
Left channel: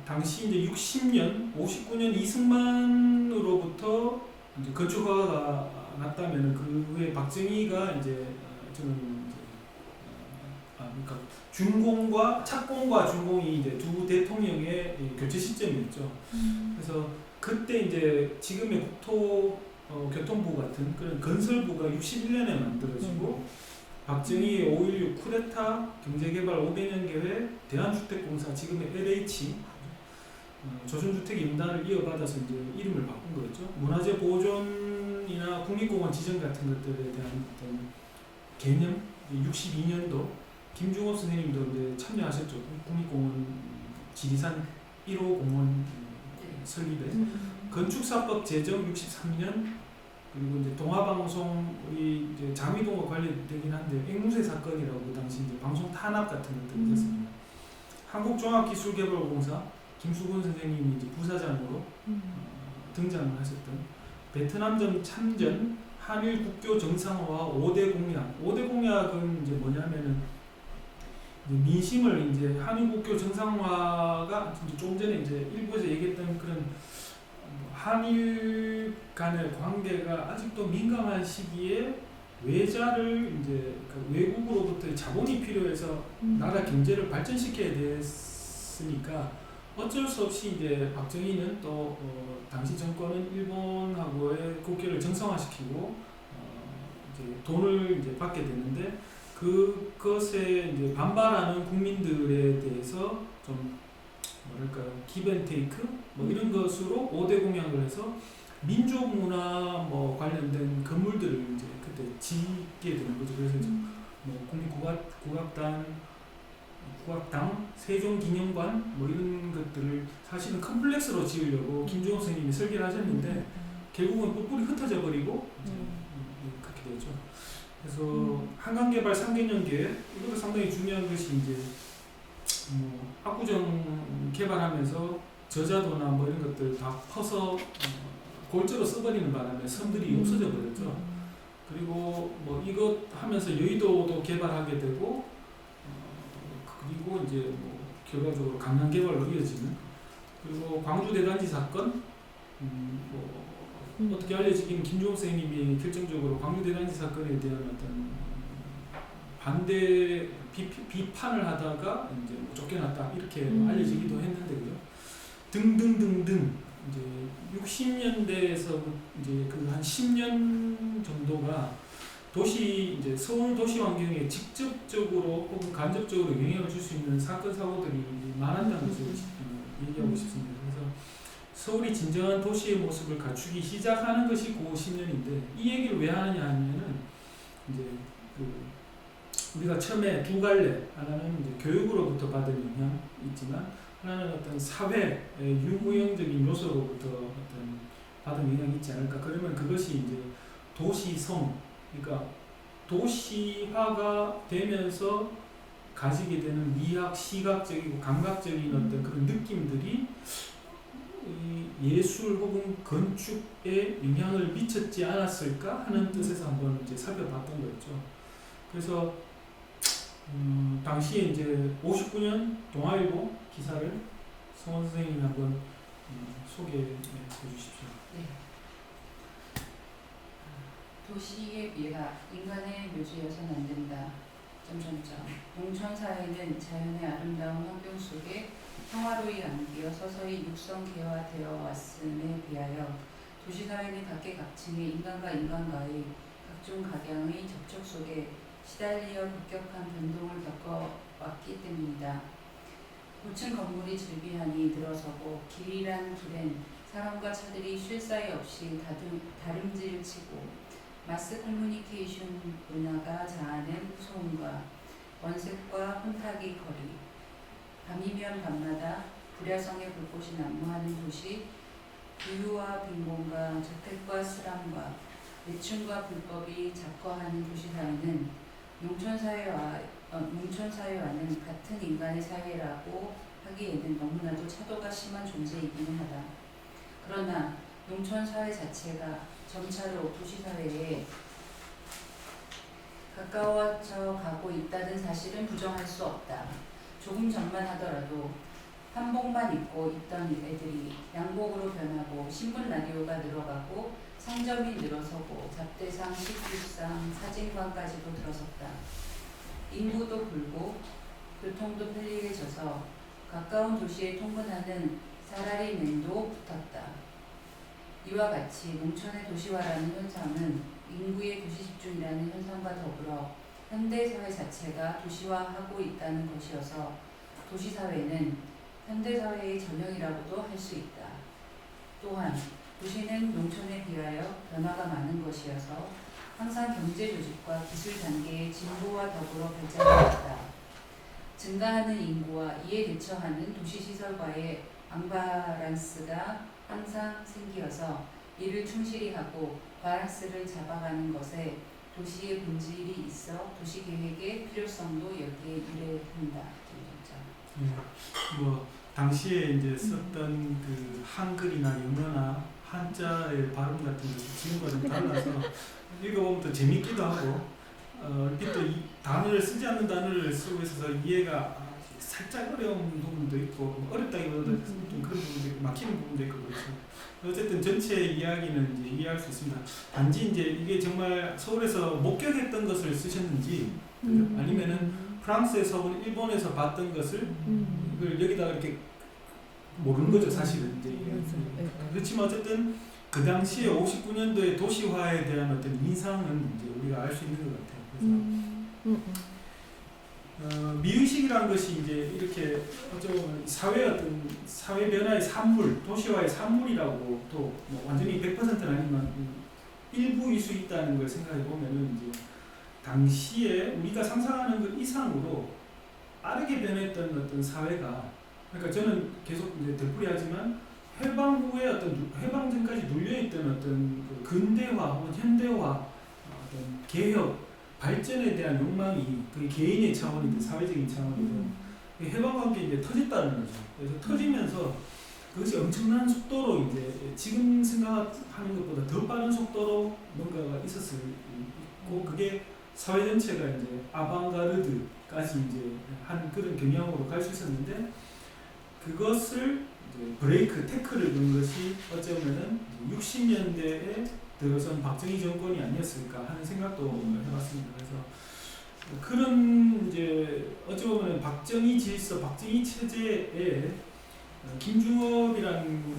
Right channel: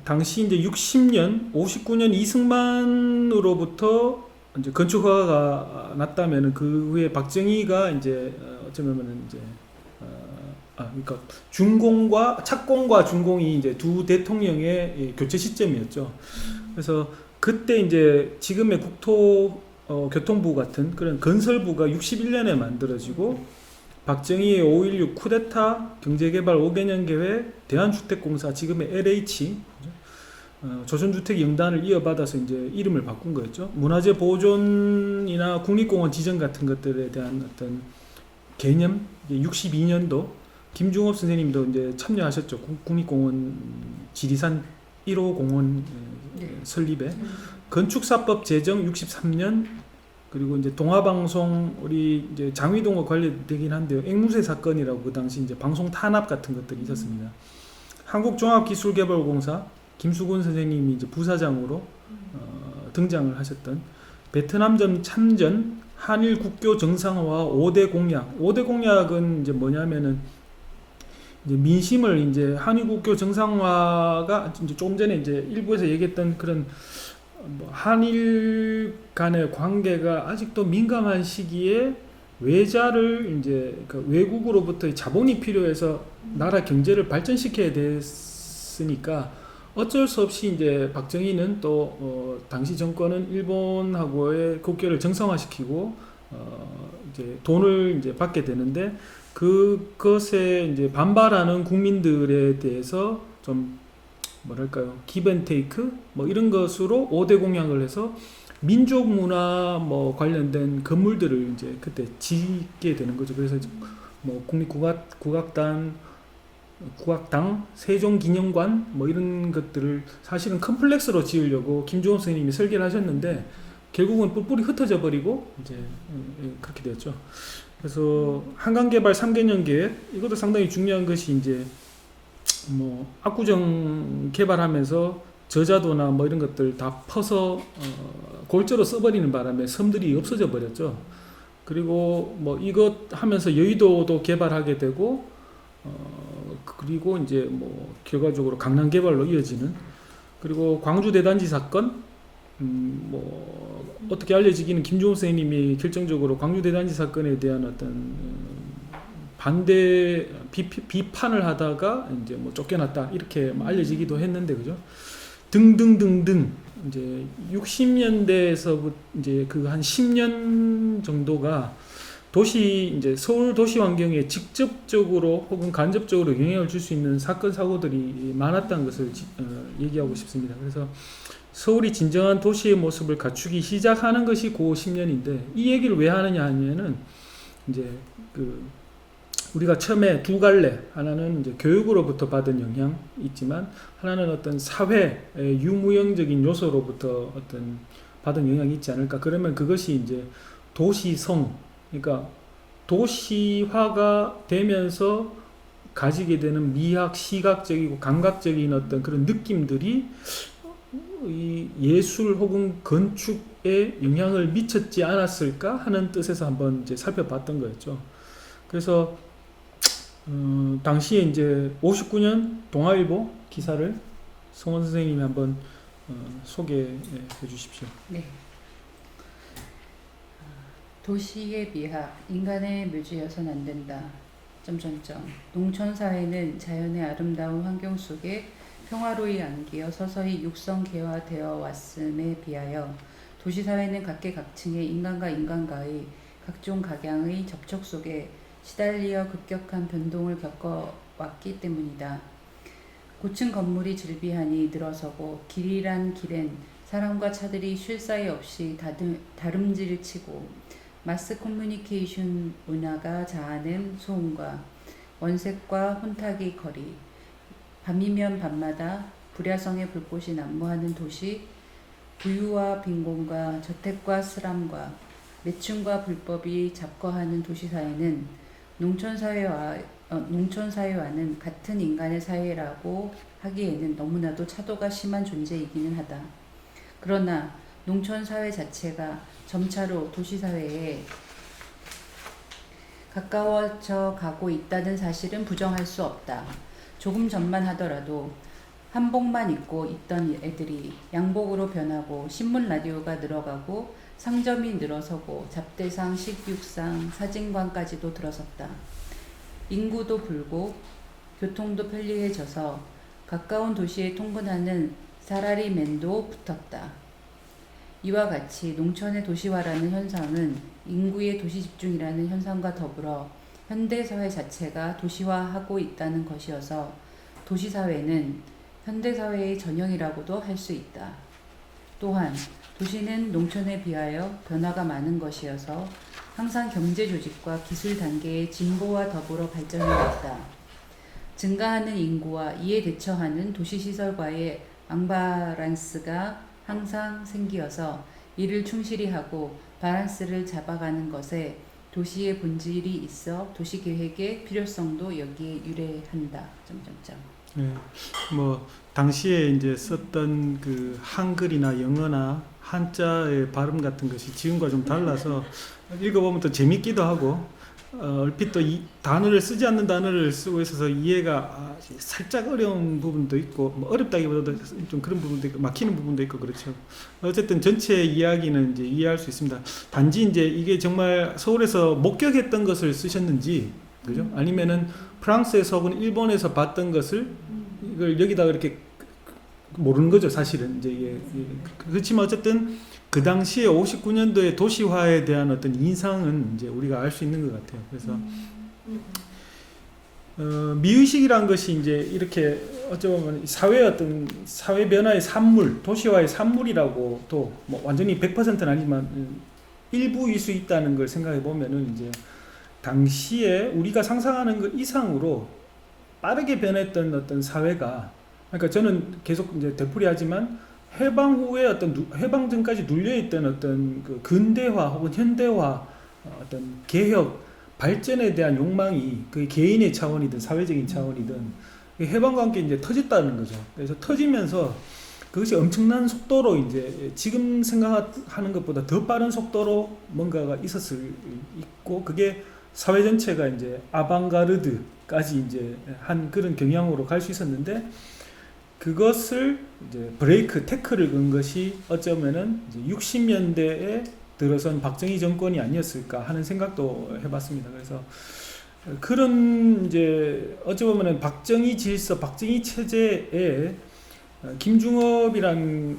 당시 이제 60년 59년 이승만으로부터 이제 건축 허가가 났다면은 그 후에 박정희가 이제 어쩌면은 이제 그러니까 착공과 준공이 이제 두 대통령의 교체 시점이었죠. 그래서 그때 이제 지금의 교통부 같은 그런 건설부가 61년에 만들어지고 박정희의 5.16 쿠데타, 경제개발 5개년 계획, 대한주택공사 지금의 LH 조선주택 영단을 이어받아서 이제 이름을 바꾼 거였죠. 문화재 보존이나 국립공원 지정 같은 것들에 대한 어떤 개념 62년도 김중업 선생님도 이제 참여하셨죠. 국립공원 지리산 1호 공원 설립에 건축사법 제정 63년 그리고 이제 동아방송 우리 이제 장위동과 관련되긴 한데요. 앵무새 사건이라고 그 당시 이제 방송 탄압 같은 것들이 있었습니다. 한국종합기술개발공사 김수근 선생님이 이제 부사장으로 등장을 하셨던 베트남전 참전 한일 국교 정상화와 5대 공약. 5대 공약은 이제 뭐냐면은 이제 민심을 이제 한일 국교 정상화가 이제 조금 전에 이제 일부에서 얘기했던 그런 한일 간의 관계가 아직도 민감한 시기에 외자를 이제 그 외국으로부터 자본이 필요해서 나라 경제를 발전시켜야 됐으니까 어쩔 수 없이 이제 박정희는 또 당시 정권은 일본하고의 국교를 정상화시키고 이제 돈을 이제 받게 되는데 그것에 이제 반발하는 국민들에 대해서 좀 뭐랄까요 기브앤테이크 뭐 이런 것으로 5대 공약을 해서 민족 문화 뭐 관련된 건물들을 이제 그때 짓게 되는 거죠. 그래서 뭐 국악당, 세종기념관 뭐 이런 것들을 사실은 컴플렉스로 지으려고 김종업 선생님이 설계를 하셨는데 결국은 뿔뿔이 흩어져 버리고 이제 그렇게 됐죠. 그래서 한강개발 3개년 계획 이것도 상당히 중요한 것이 이제 뭐 압구정 개발하면서 저자도나 뭐 이런 것들 다 퍼서 골조로 써버리는 바람에 섬들이 없어져 버렸죠. 그리고 뭐 이것 하면서 여의도도 개발하게 되고 그리고 이제 뭐 결과적으로 강남 개발로 이어지는 그리고 광주 대단지 사건 뭐 어떻게 알려지기는 김종우 선생님이 결정적으로 광주 대단지 사건에 대한 어떤 반대 비판을 하다가 이제 뭐 쫓겨났다 이렇게 알려지기도 했는데 그죠? 등등등등 이제 60년대에서 이제 그 한 10년 정도가 도시 이제 서울 도시 환경에 직접적으로 혹은 간접적으로 영향을 줄 수 있는 사건 사고들이 많았다는 것을 얘기하고 싶습니다. 그래서 서울이 진정한 도시의 모습을 갖추기 시작하는 것이 고 10년인데 이 얘기를 왜 하느냐 하면은 이제 그 우리가 처음에 두 갈래 하나는 이제 교육으로부터 받은 영향이 있지만 하나는 어떤 사회의 유무형적인 요소로부터 어떤 받은 영향이 있지 않을까. 그러면 그것이 이제 도시성, 그러니까 도시화가 되면서 가지게 되는 미학, 시각적이고 감각적인 어떤 그런 느낌들이 이 예술 혹은 건축에 영향을 미쳤지 않았을까 하는 뜻에서 한번 이제 살펴봤던 거였죠. 그래서 당시에 이제 59년 동아일보 기사를 성원 선생님이 한번 소개해 주십시오. 네. 도시의 미화, 인간의 묘지여선 안 된다. 농촌 사회는 자연의 아름다운 환경 속에 평화로이 안기어 서서히 육성개화되어 왔음에 비하여 도시 사회는 각계각층의 인간과 인간과의 각종 각양의 접촉 속에 시달리어 급격한 변동을 겪어왔기 때문이다. 고층 건물이 질비하니 늘어서고 길이란 길엔 사람과 차들이 쉴 사이 없이 다름질치고 마스 커뮤니케이션 문화가 자아낸 소음과 원색과 혼탁의 거리, 밤이면 밤마다 불야성의 불꽃이 난무하는 도시, 부유와 빈곤과 저택과 슬함과 매춘과 불법이 잡거하는 도시사회는 농촌사회와는 같은 인간의 사회라고 하기에는 너무나도 차도가 심한 존재이기는 하다. 그러나 농촌사회 자체가 점차로 도시사회에 가까워져 가고 있다는 사실은 부정할 수 없다. 조금 전만 하더라도 한복만 입고 있던 애들이 양복으로 변하고 신문 라디오가 늘어가고 상점이 늘어서고 잡대상, 식육상, 사진관까지도 들어섰다. 인구도 불고 교통도 편리해져서 가까운 도시에 통근하는 사라리맨도 붙었다. 이와 같이 농촌의 도시화라는 현상은 인구의 도시 집중이라는 현상과 더불어 현대사회 자체가 도시화하고 있다는 것이어서 도시사회는 현대사회의 전형이라고도 할 수 있다. 또한 도시는 농촌에 비하여 변화가 많은 것이어서 항상 경제조직과 기술 단계의 진보와 더불어 발전해왔다. 증가하는 인구와 이에 대처하는 도시시설과의 앙바란스가 항상 생기어서 이를 충실히 하고 바란스를 잡아가는 것에 도시의 본질이 있어 도시계획의 필요성도 여기에 유래한다. 네, 뭐 당시에 이제 썼던 그 한글이나 영어나 한자의 발음 같은 것이 지금과 좀 달라서 읽어보면 또 재밌기도 하고 얼핏 또 이 단어를 쓰지 않는 단어를 쓰고 있어서 이해가 살짝 어려운 부분도 있고 뭐 어렵다기보다도 좀 그런 부분도 있고 막히는 부분도 있고 그렇죠. 어쨌든 전체 이야기는 이제 이해할 수 있습니다. 단지 이제 이게 정말 서울에서 목격했던 것을 쓰셨는지 그죠? 아니면은 프랑스에서 혹은 일본에서 봤던 것을 이걸 여기다가 이렇게 모르는 거죠, 사실은. 이제 그렇지만 어쨌든 그 당시에 59년도의 도시화에 대한 어떤 인상은 이제 우리가 알 수 있는 것 같아요. 그래서 미의식이란 것이 이제 이렇게 어쩌면 사회의 어떤 사회 변화의 산물, 도시화의 산물이라고 또 뭐 완전히 100%는 아니지만 일부일 수 있다는 걸 생각해 보면은 이제 당시에 우리가 상상하는 것 이상으로 빠르게 변했던 어떤 사회가, 그러니까 저는 계속 이제 되풀이하지만 해방 후에 어떤 해방 전까지 눌려있던 어떤 그 근대화 혹은 현대화 어떤 개혁 발전에 대한 욕망이 그 개인의 차원이든 사회적인 차원이든 해방과 함께 이제 터졌다는 거죠. 그래서 터지면서 그것이 엄청난 속도로 이제 지금 생각하는 것보다 더 빠른 속도로 뭔가가 있었을 있고 그게 사회 전체가 이제 아방가르드까지 이제 한 그런 경향으로 갈 수 있었는데 그것을 이제 브레이크 태클을 건 것이 어쩌면은 이제 60년대에 들어선 박정희 정권이 아니었을까 하는 생각도 해봤습니다. 그래서 그런 이제 어찌 보면은 박정희 질서, 박정희 체제에 김중업이란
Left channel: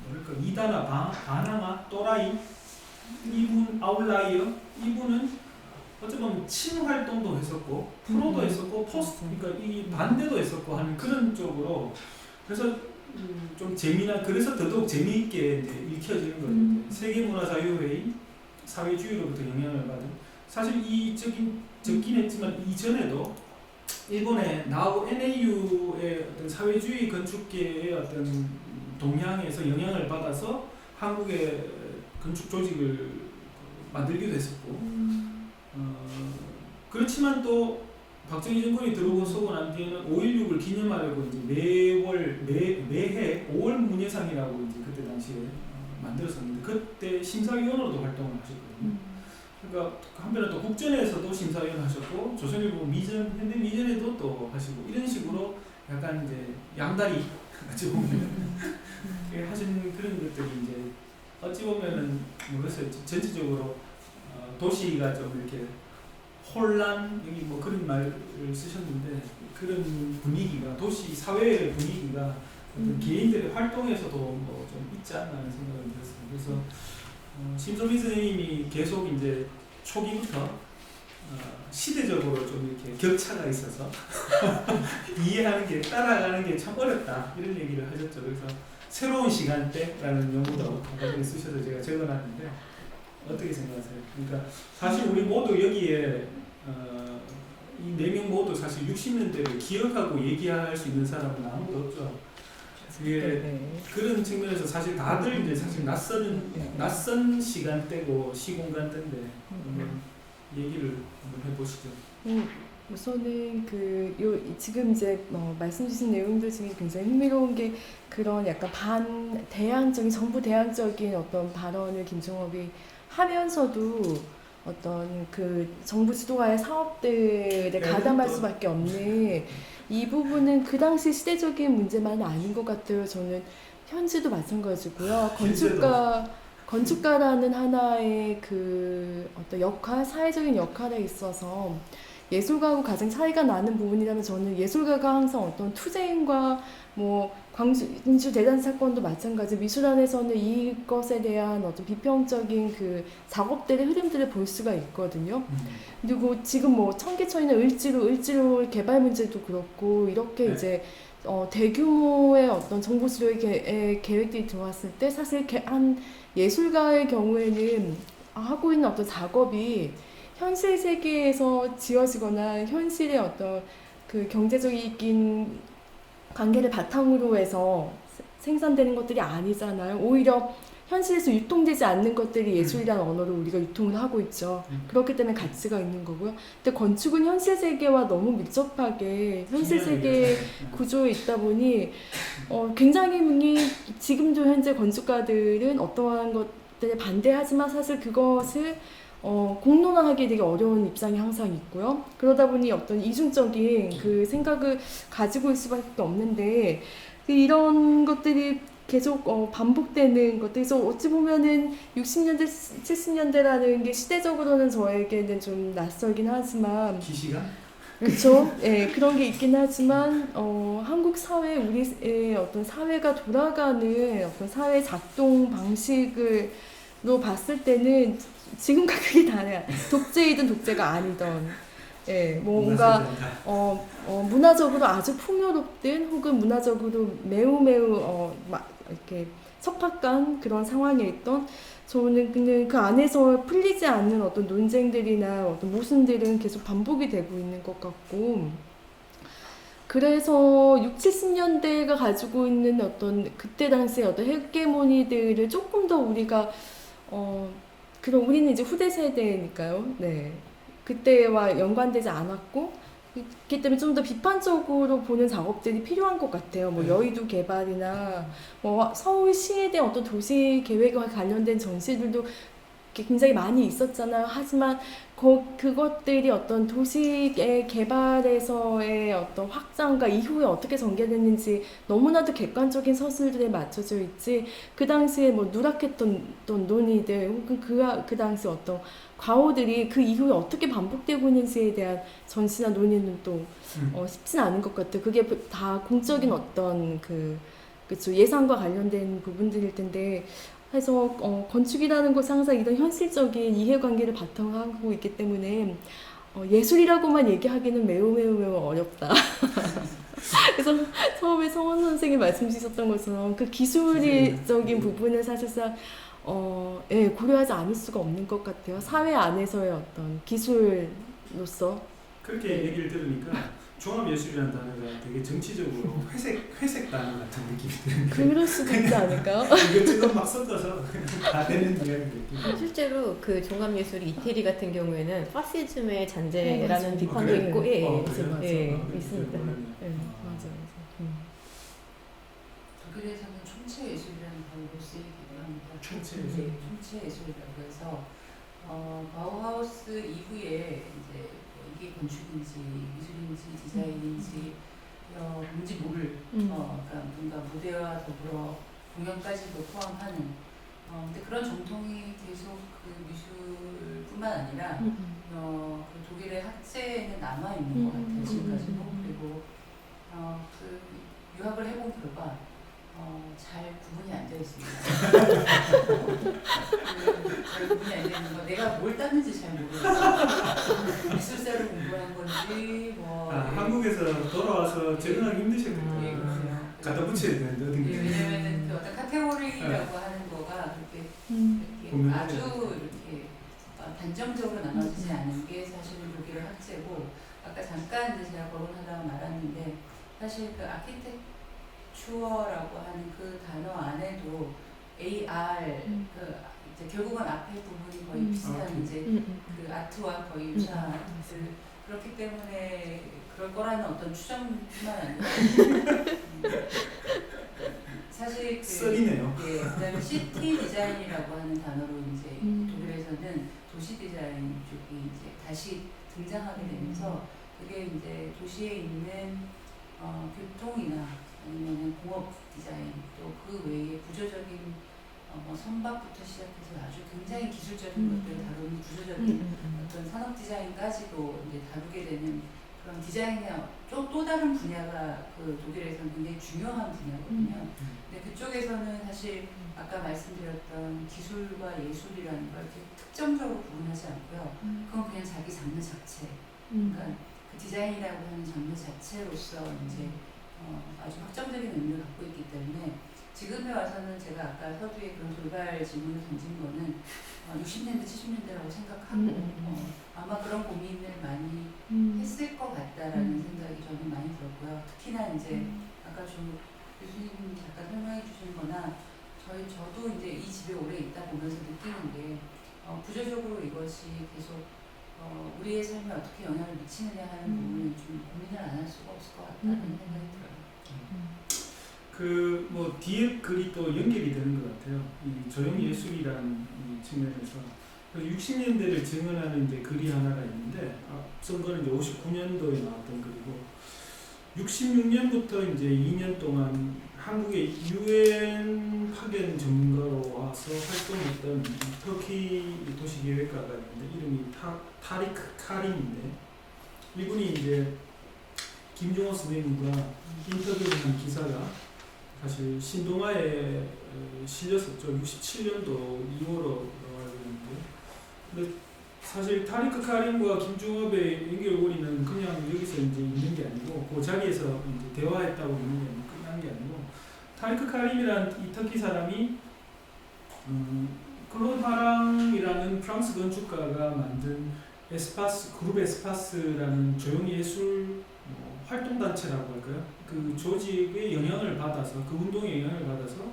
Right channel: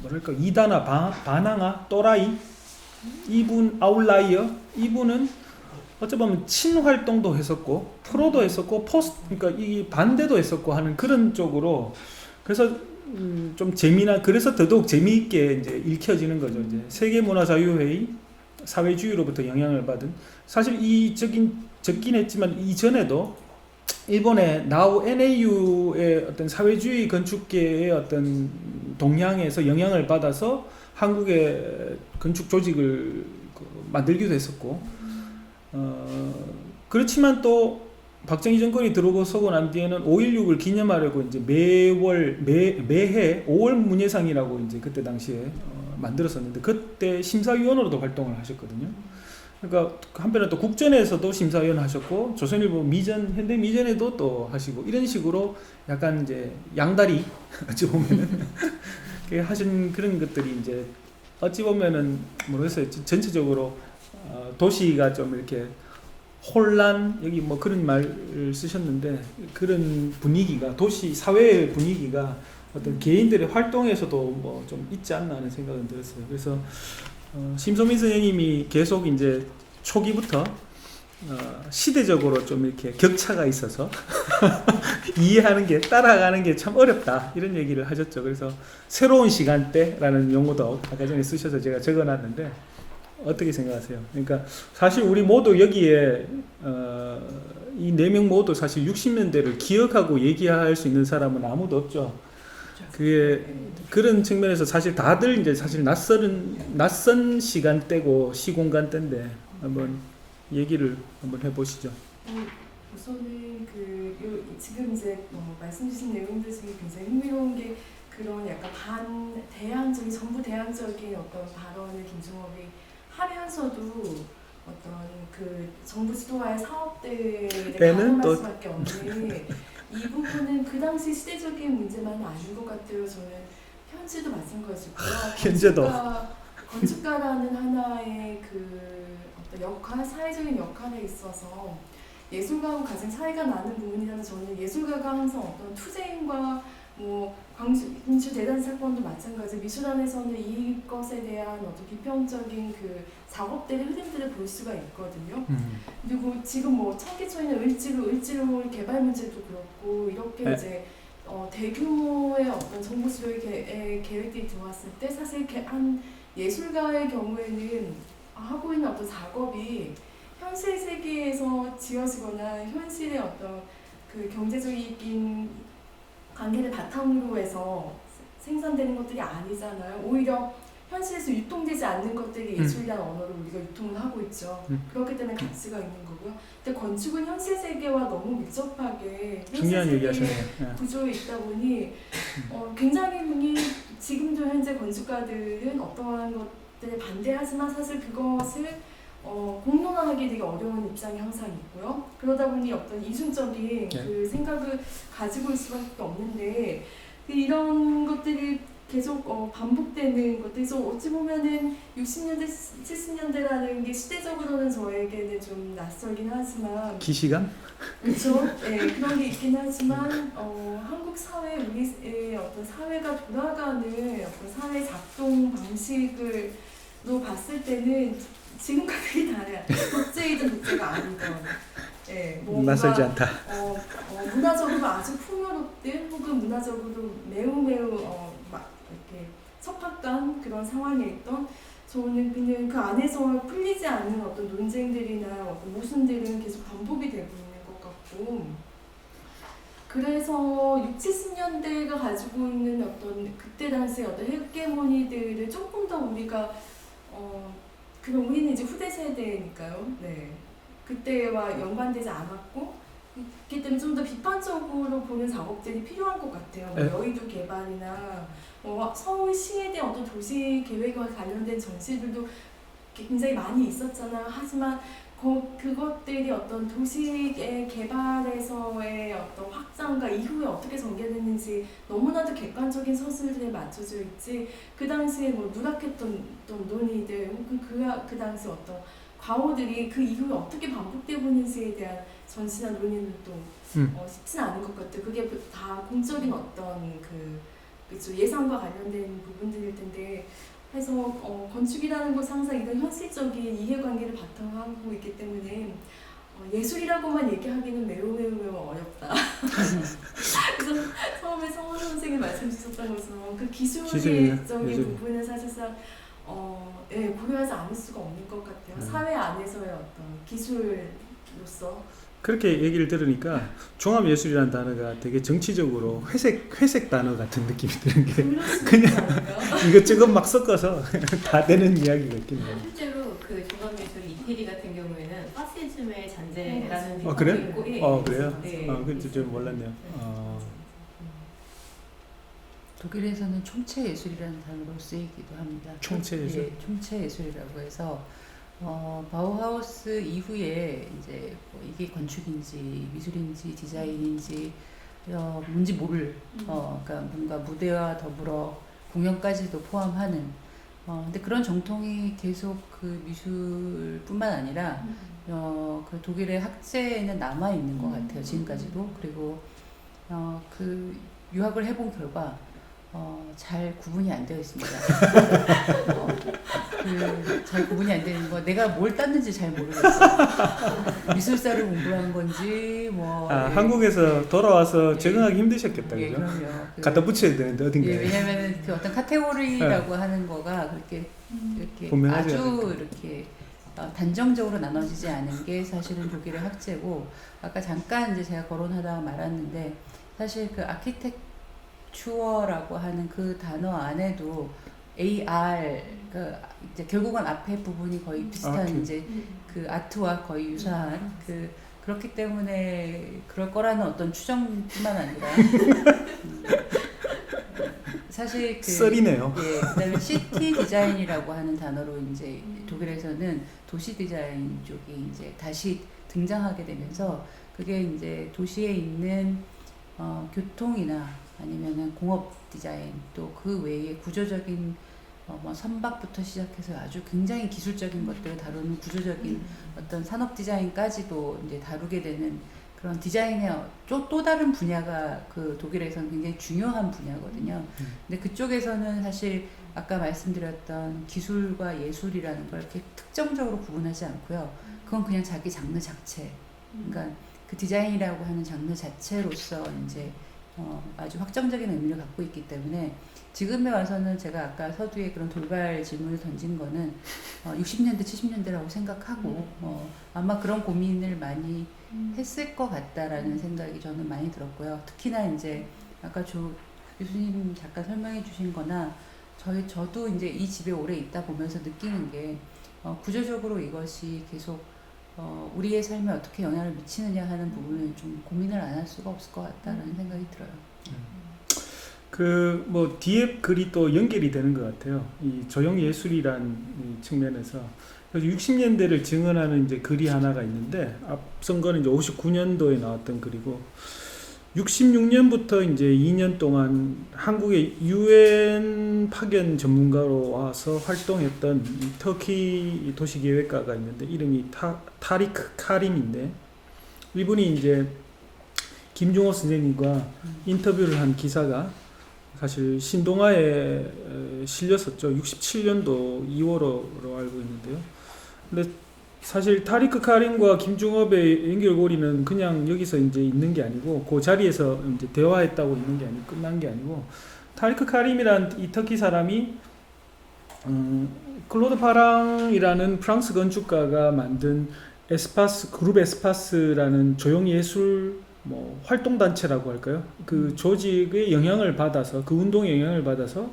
뭐랄까 이단아, 반항아, 또라이 이분 아웃라이어 이분은 어찌 보면 친활동도 했었고 프로도 했었고 그러니까 이 반대도 했었고 하는 그런 쪽으로 그래서 좀 재미나 그래서 더더욱 재미있게 이제 읽혀지는 거죠. 이제 세계문화자유회의 사회주의로부터 영향을 받은 사실 이 적긴 했지만 이전에도 일본의 나우 NAU의 어떤 사회주의 건축계의 어떤 동향에서 영향을 받아서 한국의 건축 조직을 만들기도 했었고 그렇지만 또 박정희 정권이 들어서고 난 뒤에는 5.16을 기념하려고 이제 매해 5월 문예상이라고 이제 그때 당시에 만들었었는데 그때 심사위원으로도 활동을 하셨거든요. 그러니까 한편에 또 국전에서도 심사위원 하셨고 조선일보 미전 현대 미전에도 또 하시고 이런 식으로 약간 이제 양다리 어찌 보면은 하신 그런 것들이 이제 어찌 보면은 모르겠어요. 전체적으로 도시가 좀 이렇게 혼란 여기 뭐 그런 말을 쓰셨는데 그런 분위기가 도시 사회의 분위기가 어떤 개인들의 활동에서도 뭐 좀 있지 않나 하는 생각은 들었어요. 그래서 심소민 선생님이 계속 이제 초기부터 시대적으로 좀 이렇게 격차가 있어서 이해하는 게 따라가는 게 참 어렵다 이런 얘기를 하셨죠. 그래서 새로운 시간대라는 용어도 아까 전에 쓰셔서 제가 적어놨는데 어떻게 생각하세요? 그러니까 사실 우리 모두 여기에 이 4명 모두 사실 60년대를 기억하고 얘기할 수 있는 사람은 아무도 없죠. 그게 그런 측면에서 사실 다들 이제 사실 낯선 시간대고 시공간대인데 한번 얘기를 한번 해보시죠. 우선은 지금 이제 말씀 주신 내용들 중에 굉장히 흥미로운 게 그런 약간 반대항적인 정부 대항적인 어떤 발언을 김종업이 하면서도 어떤 그 정부 주도하의 사업들에 가담할 수밖에 없는 이 부분은 그 당시 시대적인 문제만은 아닌 것 같아요. 저는 현지도 마찬가지고요. 건축가라는 하나의 그 어떤 사회적인 역할에 있어서 예술가하고 가장 차이가 나는 부분이라면 저는 예술가가 항상 어떤 투쟁과 뭐 광주 대단 사건도 마찬가지 미술안에서는 이것에 대한 어떤 비평적인 그 작업들의 흐름들을 볼 수가 있거든요. 그리고 지금 뭐 청계천이나 을지로 개발 문제도 그렇고 이렇게 네. 이제 대규모의 어떤 정보 수료의 계획들이 들어왔을 때 사실 한 예술가의 경우에는 하고 있는 어떤 작업이 현실 세계에서 지어지거나 현실의 어떤 그 경제적인 관계를 바탕으로 해서 생산되는 것들이 아니잖아요. 오히려 현실에서 유통되지 않는 것들이 예술이라는 언어로 우리가 유통을 하고 있죠. 그렇기 때문에 가치가 있는 거고요. 근데 건축은 현실 세계와 너무 밀접하게 현실 세계의 구조에 있다 보니 굉장히 지금도 현재 건축가들은 어떠한 것들에 반대하지만 사실 그것을 공론화하기 되게 어려운 입장이 항상 있고요. 그러다 보니 어떤 이중적인 그 생각을 가지고 있을 수밖에 없는데 이런 것들이 계속 반복되는 것들. 그래서 어찌 보면은 60년대, 70년대라는 게 시대적으로는 저에게는 좀 낯설긴 하지만 기시감? 그렇죠. 네, 그런 게 있긴 하지만 한국 사회, 우리의 어떤 사회가 돌아가는 어떤 사회 작동 방식으로 봤을 때는 지금과 크게 달라요. 독재이든 독재가 아니든. 예, 뭔가 문화적으로 아주 풍요롭든 혹은 문화적으로 매우 이렇게 척박한 그런 상황에 있던 저는 그냥 그 안에서 풀리지 않는 어떤 논쟁들이나 어떤 모순들은 계속 반복이 되고 있는 것 같고 그래서 60, 70년대가 가지고 있는 어떤 그때 당시의 어떤 헤게모니들을 조금 더 우리가 그럼 우리는 이제 후대 세대니까요. 네. 그때와 연관되지 않았고 그렇기 때문에 좀 더 비판적으로 보는 작업들이 필요한 것 같아요. 뭐 여의도 개발이나 뭐 서울시에 대한 어떤 도시 계획과 관련된 전시들도 굉장히 많이 있었잖아요. 하지만 그것들이 어떤 도시의 개발에서의 어떤 확장과 이후에 어떻게 전개됐는지 너무나도 객관적인 서술들에 맞춰져 있지 그 당시에 뭐 누락했던 논의들 혹은 그 당시 어떤 과오들이 그 이후에 어떻게 반복되고 있는지에 대한 전시나 논의는 또 쉽진 않은 것 같아요. 그게 다 공적인 어떤 그쵸 예산과 관련된 부분들일 텐데 그래서 건축이라는 것은 항상 이런 현실적인 이해관계를 바탕하고 있기 때문에 예술이라고만 얘기하기는 매우 어렵다. 그래서 처음에 성원 선생님 말씀 주셨던 것처럼 그 기술적인 기술. 부분은 사실상 고려하지 않을 수가 없는 것 같아요. 사회 안에서의 어떤 기술로서 그렇게 얘기를 들으니까 종합예술이라는 단어가 되게 정치적으로 회색 단어 같은 느낌이 드는 게 그럴 수 있지 않을까요? 이것저것 막 섞어서 다 되는 이야기 같긴 실제로 그 종합예술 이태리 같은 경우에는 파시즘의 잔재라는 맞아요. 비판도 그래요? 있고, 예, 그래요? 네. 그건 좀 몰랐네요. 네. 맞아. 독일에서는 총체예술이라는 단어로 쓰이기도 합니다. 총체예술? 네, 총체예술이라고 해서 바우하우스 이후에 이제 이게 건축인지 미술인지 디자인인지 뭔지 모를 그러니까 뭔가 무대와 더불어 공연까지도 포함하는 근데 그런 정통이 계속 그 미술뿐만 아니라 그 독일의 학제에는 남아 있는 것 같아요 지금까지도. 그리고 그 유학을 해본 결과 잘 구분이 안 되어 있습니다. 잘 구분이 안 되는 거 내가 뭘 땄는지 잘 모르겠어요. 미술사를 공부한 건지 뭐 한국에서 돌아와서 적응하기 힘드셨겠다. 예, 그죠? 그럼요. 갖다 붙여야 되는데 어딘가에. 예, 왜냐면 그 어떤 카테고리라고 하는 거가 그렇게 이렇게 분명하지 아주 않을까. 이렇게 단정적으로 나눠지지 않은 게 사실은 독일의 학제고 아까 잠깐 이제 제가 거론하다가 말았는데 사실 그 아키텍추어라고 하는 그 단어 안에도 AR 그 이제 결국은 앞에 부분이 거의 비슷한 아트. 이제 그 아트와 거의 유사한 그렇기 때문에 그럴 거라는 어떤 추정뿐만 아니라 사실 그 썰이네요. 예, 그다음에 시티 디자인이라고 하는 단어로 이제 독일에서는 도시 디자인 쪽이 이제 다시 등장하게 되면서 그게 이제 도시에 있는 교통이나 아니면은 공업 디자인 또 그 외에 구조적인 뭐 선박부터 시작해서 아주 굉장히 기술적인 것들을 다루는 구조적인 어떤 산업 디자인까지도 이제 다루게 되는 그런 디자인의 또 다른 분야가 그 독일에서는 굉장히 중요한 분야거든요. 근데 그쪽에서는 사실 아까 말씀드렸던 기술과 예술이라는 걸 이렇게 특정적으로 구분하지 않고요. 그건 그냥 자기 장르 자체. 그러니까 그 디자인이라고 하는 장르 자체로서 이제 아주 확정적인 의미를 갖고 있기 때문에 지금에 와서는 제가 아까 서두에 그런 돌발 질문을 던진 거는 60년대, 70년대라고 생각하고 아마 그런 고민을 많이 했을 것 같다라는 생각이 저는 많이 들었고요. 특히나 이제 아까 조 교수님 잠깐 설명해 주신 거나 저도 이제 이 집에 오래 있다 보면서 느끼는 게 구조적으로 이것이 계속 우리의 삶에 어떻게 영향을 미치느냐 하는 부분을 좀 고민을 안 할 수가 없을 것 같다는 생각이 들어요. 그 뭐 뒤에 글이 또 연결이 되는 것 같아요. 이 조형 예술이라는 이 측면에서 60년대를 증언하는 이제 글이 하나가 있는데 앞선 거는 이제 59년도에 나왔던 글이고 66년부터 이제 2년 동안 한국의 UN 파견 전문가로 와서 활동했던 터키 도시계획가가 있는데 이름이 타리크 카림인데 이분이 이제 김종호 선생님과 인터뷰를 한 기사가 사실 신동아에 실렸었죠. 67년도 2월로 알고 있는데요. 근데 사실 타리크 카림과 김종업의 연결고리는 그냥 여기서 이제 있는 게 아니고 그 자리에서 이제 대화했다고 있는 게 아니고 끝난 게 아니고 타리크 카림이란 이 터키 사람이 클로드 파랑이라는 프랑스 건축가가 만든 그룹 에스파스라는 조형 예술 뭐 활동단체라고 할까요? 그 조직의 영향을 받아서 그 운동의 영향을 받아서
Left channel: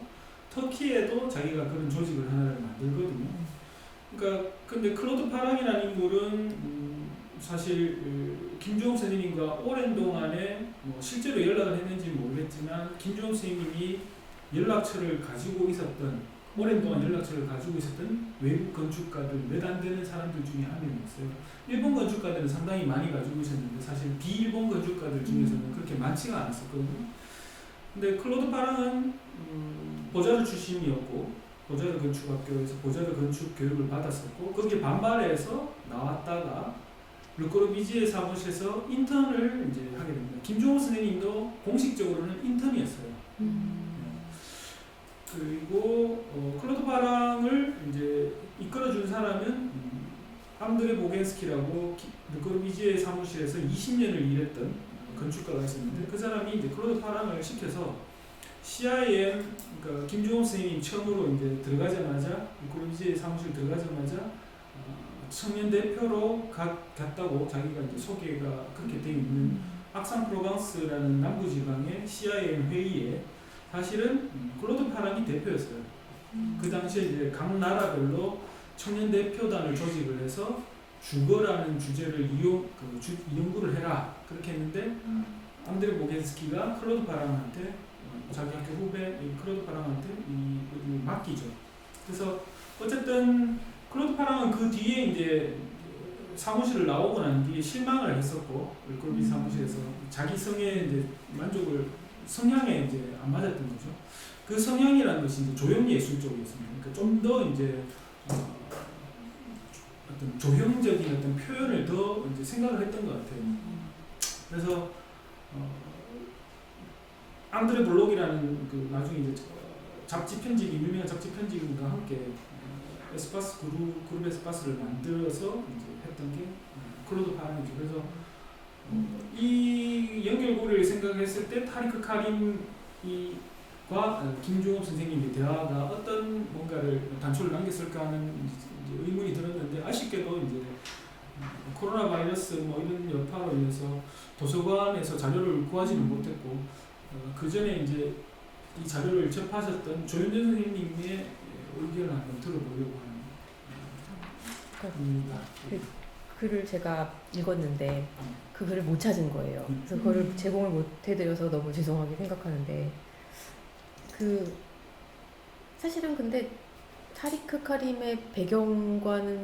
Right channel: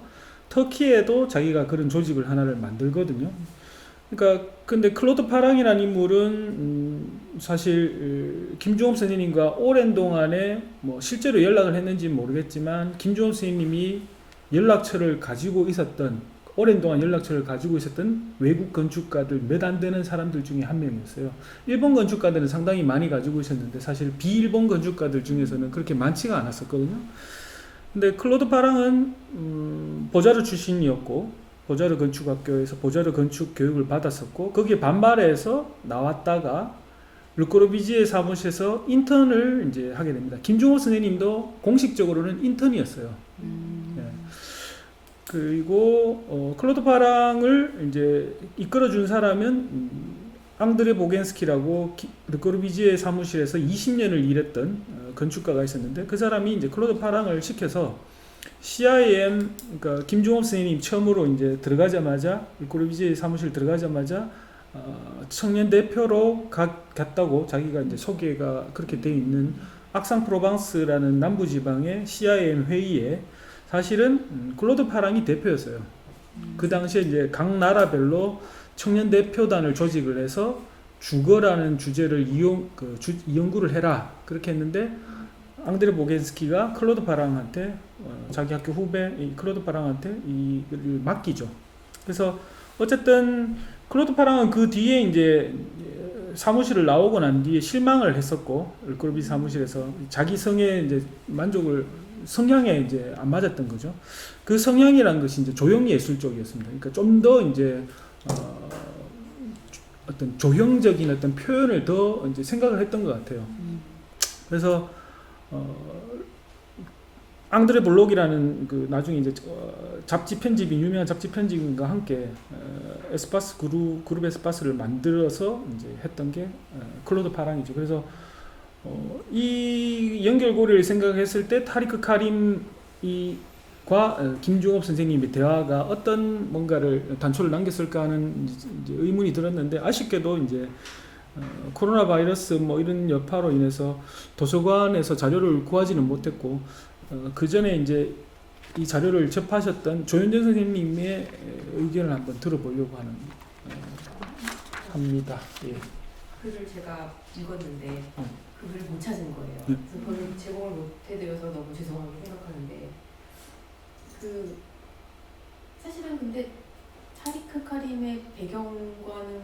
터키에도 자기가 그런 조직을 하나를 만들거든요. 그러니까 근데 클로드 파랑이라는 인물은 사실 김종업 선생님과 오랜 동안에 뭐 실제로 연락을 했는지는 모르겠지만 김종업 선생님이 연락처를 가지고 있었던 오랜 동안 연락처를 가지고 있었던 외국 건축가들 몇 안 되는 사람들 중에 한 명이었어요. 일본 건축가들은 상당히 많이 가지고 있었는데 사실 비일본 건축가들 중에서는 그렇게 많지가 않았었거든요. 근데 클로드 파랑은 보자르 출신이었고 보자르 건축학교에서 보자르 건축 교육을 받았었고 거기에 반발해서 나왔다가 르꼬르비지에 사무실에서 인턴을 이제 하게 됩니다. 김종호 선생님도 공식적으로는 인턴이었어요. 그리고 클로드 파랑을 이제 이끌어준 사람은 앙드레 보겐스키라고 르꼬르비지에 사무실에서 20년을 일했던 건축가가 있었는데 그 사람이 이제 클로드 파랑을 시켜서 CIM, 그러니까 김종업 선생님이 처음으로 이제 들어가자마자 르꼬르비지에 사무실 들어가자마자 청년 대표로 갔다고 자기가 이제 소개가 그렇게 돼 있는 악상-프로방스라는 남부지방의 CIM 회의에 사실은 클로드 파랑이 대표였어요. 그 당시에 이제 각 나라별로 청년 대표단을 조직을 해서 주거라는 주제를 연구를 해라 그렇게 했는데 앙드레 보겐스키가 클로드 파랑한테 자기 학교 후배 클로드 파랑한테 이걸 맡기죠. 그래서 어쨌든 클로드 파랑은 그 뒤에 이제 사무실을 나오고 난 뒤에 실망을 했었고 르꼬르비지 사무실에서 자기 성에 이제 성향에 이제 안 맞았던 거죠. 그 성향이라는 것이 이제 조형 예술 쪽이었습니다. 그러니까 좀 더 이제 어떤 조형적인 어떤 표현을 더 이제 생각을 했던 것 같아요. 그래서 앙드레 블록이라는 그 나중에 이제 잡지 편집이 유명한 잡지 편집인과 함께 에스파스 그룹 에스파스를 만들어서 이제 했던 게 클로드 파랑이죠. 그래서 이 연결고리를 생각했을 때 타리크 카림과 김종업 선생님의 대화가 어떤 뭔가를 단초를 남겼을까 하는 이제 의문이 들었는데 아쉽게도 이제 코로나 바이러스 뭐 이런 여파로 인해서 도서관에서 자료를 구하지는 못했고 그 전에 이제 이 자료를 접하셨던 조윤전 선생님의 의견을 한번 들어보려고 합니다. 예. 글을 제가 읽었는데 그 글을 못 찾은 거예요. 그래서 그걸 제공을 못 해드려서 너무 죄송하게 생각하는데 사실은 근데 타리크 카림의 배경과는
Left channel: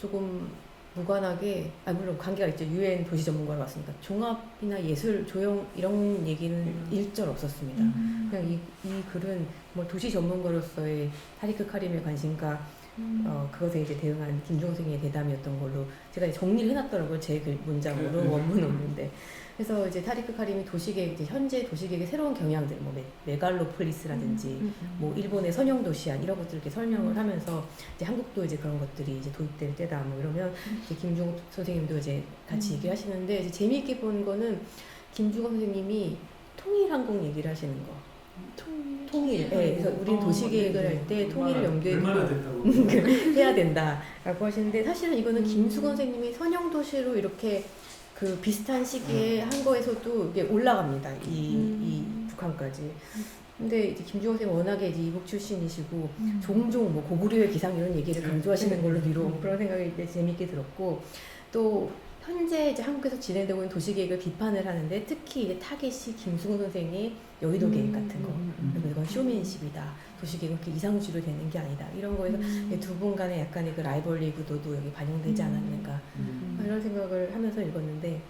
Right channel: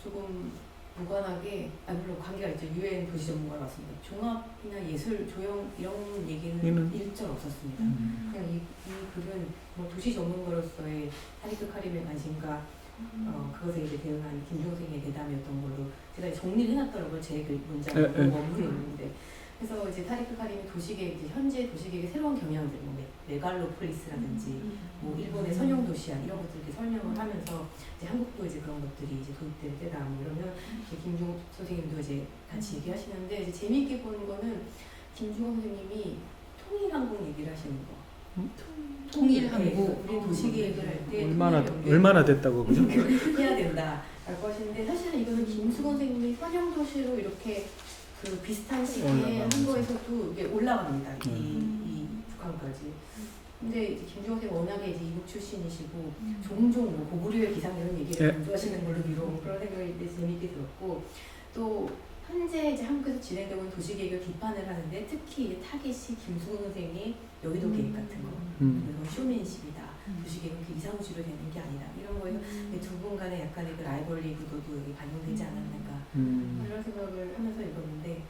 조금 무관하게 물론 관계가 있죠. 유엔 도시 전문가로 왔습니다. 종합이나 예술, 조형 이런 얘기는 일절 없었습니다. 그냥 이 글은 뭐 도시 전문가로서의 타리크 카림의 관심과 그것에 이제 대응한 김종생의 대담이었던 걸로 제가 정리를 해놨더라고요. 제 글 문장으로 원문이 있는데 그래서 이제 타리크 카림이 도시계획, 현재 도시계획의 새로운 경향들, 뭐 메갈로폴리스라든지, 뭐 일본의 선형 도시안 이런 것들 이렇게 설명을 하면서 이제 한국도 이제 그런 것들이 이제 도입될 때다. 뭐 이러면 이제 김중호 선생님도 이제 같이 얘기하시는데 이제 재미있게 본 거는 김중호 선생님이 통일항공 얘기를 하시는 거. 통일. 네, 그래서 우리 도시계획을 할 때 통일 연계 얼마나 됐다고 해야 된다라고 하시는데 사실은 이거는 김수건 선생님이 선형 도시로 이렇게 그 비슷한 시기에 한 거에서도 이게 올라갑니다. 이 북한까지. 근데 이제 김종호 선생님 워낙에 이제 이북 출신이시고 종종 뭐 고구려의 기상 이런 얘기를 강조하시는 걸로 비록 그런 생각이 재미있게 들었고 또 현재 이제 한국에서 진행되고 있는 도시계획을 비판을 하는데 특히 이제 타겟이 김수건 선생의 여의도 계획 같은 거. 이건 쇼맨십이다. 도시계획은 그 이상주의로 되는 게 아니다. 이런 거에서 두 분 간의 약간의 그 라이벌리 구도도 여기 반영되지 않았는가. 이런 생각을 하면서 읽었는데,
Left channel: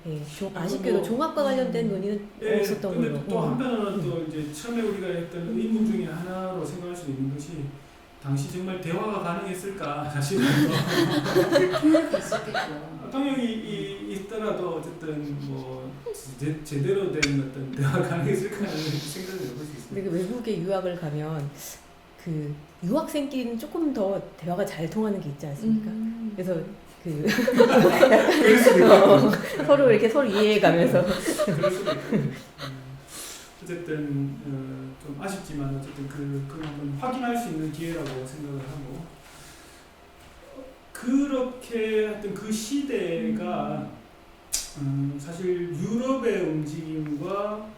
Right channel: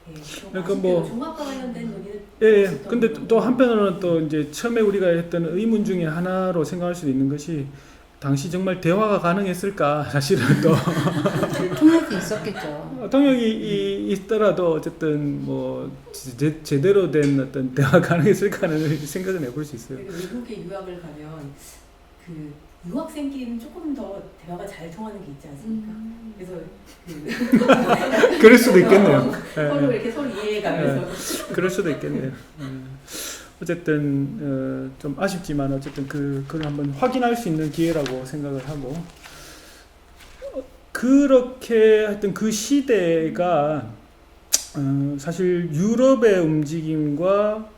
아쉽게도 종합과 관련된 논의는 없었던 근데 거고. 또 한편으로는 또 이제 처음에 우리가 했던 의문 중에 하나로 생각할 수도 있는 것이 당시 정말 대화가 가능했을까? 사실은 또 통역이 있었겠죠. 통역이 있더라도 어쨌든 뭐 제대로 된 어떤 대화가 가능했을까는 생각을 해볼 수 있어요. 외국에 유학을 가면 그 유학생끼리는 조금 더 대화가 잘 통하는 게 있지 않습니까? 그래서 그럴 수도 있겠네요. 서로 이렇게 서로 이해해가면서 그럴 수도 있겠네요. 어쨌든 좀 아쉽지만 어쨌든 그걸 한번 확인할 수 있는 기회라고 생각을 하고 그렇게 하여튼 그 시대가 사실 유럽의 움직임과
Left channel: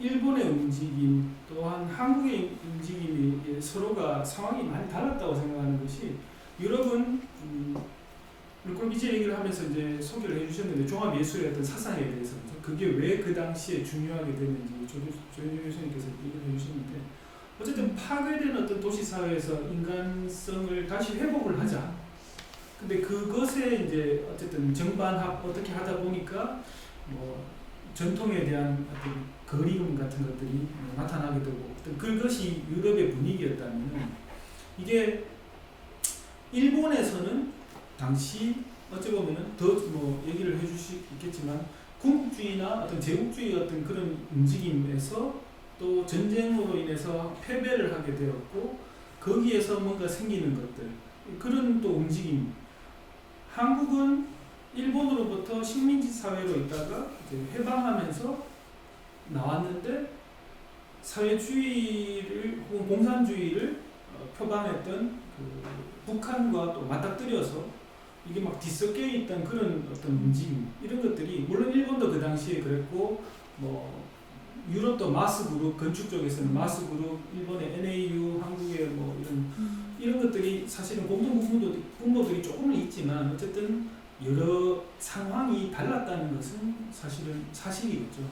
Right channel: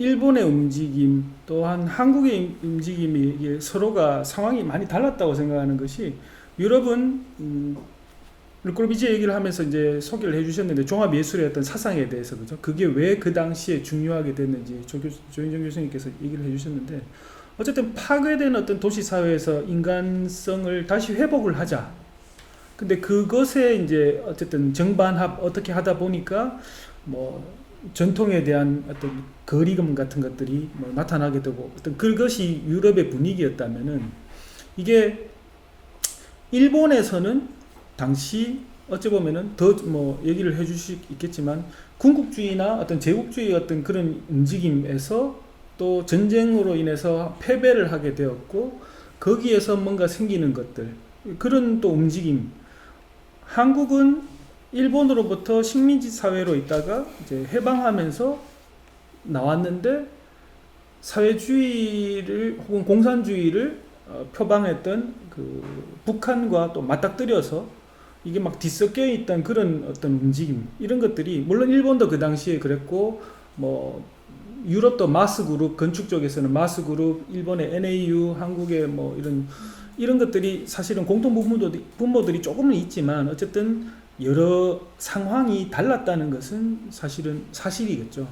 일본의 움직임 또한 한국의 움직임이 이게 서로가 상황이 많이 달랐다고 생각하는 것이 유럽은 르꼬르비지 얘기를 하면서 이제 소개를 해주셨는데 종합예술의 어떤 사상에 대해서 그죠? 그게 왜 그 당시에 중요하게 됐는지 조윤정 교수님께서 얘기를 해주셨는데 어쨌든 파괴된 어떤 도시사회에서 인간성을 다시 회복을 하자. 근데 그것에 이제 어쨌든 정반합 어떻게 하다 보니까 뭐 전통에 대한 어떤 거리감 같은 것들이 뭐 나타나게 되고 어떤 그것이 유럽의 분위기였다면은 이게 일본에서는 당시 어찌 보면은 더 뭐 얘기를 해줄 수 있겠지만 군국주의나 어떤 제국주의 어떤 그런 움직임에서 또 전쟁으로 인해서 패배를 하게 되었고 거기에서 뭔가 생기는 것들 그런 또 움직임 한국은 일본으로부터 식민지 사회로 있다가 이제 해방하면서 나왔는데 사회주의를 혹은 공산주의를 표방했던 그 북한과 또 맞닥뜨려서 이게 막 뒤섞여 있던 그런 어떤 움직임 이런 것들이 물론 일본도 그 당시에 그랬고 뭐 유럽도 마스그룹 건축 쪽에서는 마스그룹 일본의 NAU 한국의 뭐 이런 것들이 사실은 공통 분모들이 조금은 있지만 어쨌든 여러 상황이 달랐다는 것은 사실은 사실이겠죠.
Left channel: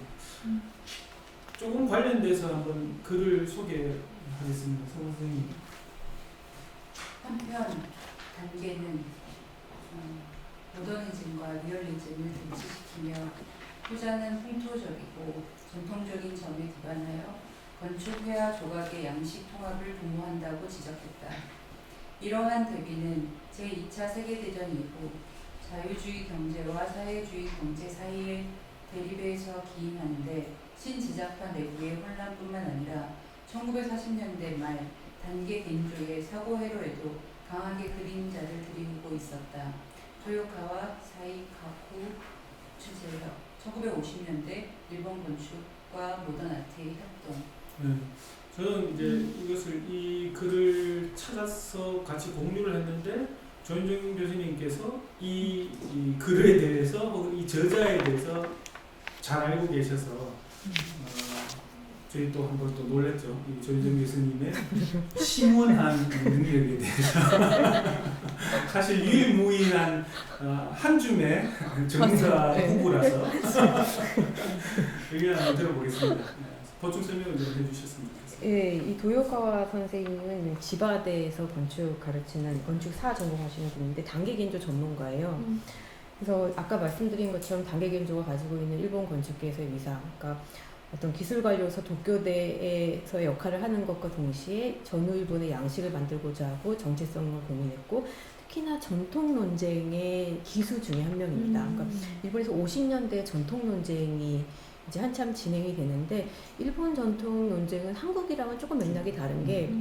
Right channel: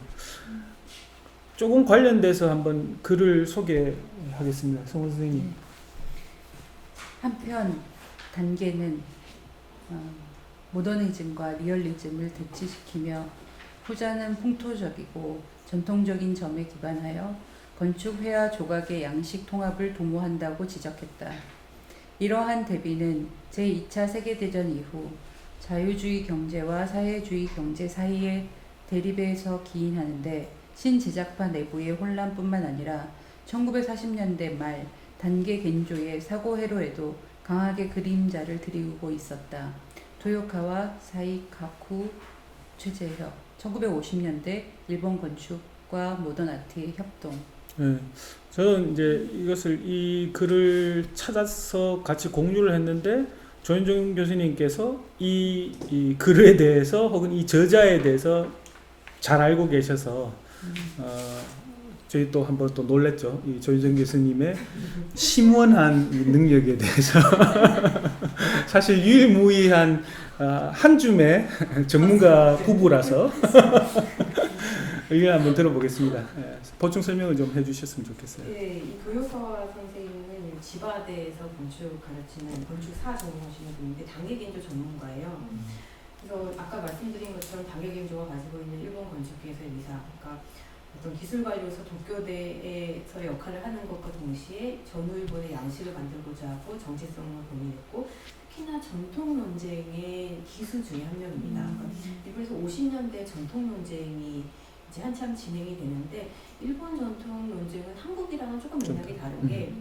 조금 관련돼서 한번 글을 소개하겠습니다. 성원 선생님. 한편 단계는 모더니즘과 리얼리즘을 대치시키며 후자는 풍토적이고 전통적인 점에 기반하여 건축회화 조각의 양식 통합을 도모한다고 지적했다. 이러한 대비는 제2차 세계대전 이후 자유주의 경제와 사회주의 경제 사이의 대립에서 기인하는데 신제작파 내부의 혼란뿐만 아니라 1940년대 말 단계 겐조의 사고 회로에도 강하게 그림자를 들이우고 있었다. 토요카와 사이카쿠 최재혁 1950년대 일본 건축과 모던 아트의 협동. 네, 저는 이제 이 글을 찾아서 같이 공유를 했는데 조윤정 교수님께서 이 글에 대해서 혹은 이 저자에 대해서 잘 알고 계셔서 저희 또 한번 또 놀랬죠. 이 조윤정 교수님의 심원한 능력에 대해서 사실 유일무이한 한 줌의 전문가 부부라서 의견 한번 들어보겠습니다. 보충 설명을 좀 해주셨으면 좋겠어요. 네, 이 도요카와 선생님은 지바대에서 건축 가르치는 건축사 전공하시는 분인데 단계 겐조 전문가예요. 그래서 아까 말씀드린 것처럼 단계 겐조가 가지고 있는 일본 건축계에서의 위상, 그러니까 어떤 기술관료로서 도쿄대에서의 역할을 하는 것과 동시에 전후 일본의 양식을 만들고자 하고 정체성을 고민했고 특히나 전통 논쟁의 기수 중에 한 명입니다. 그러니까 일본에서 50년대 전통 논쟁이 이제 한참 진행이 되는데 일본 전통 논쟁은 한국이랑은 조금 맥락이 다른 게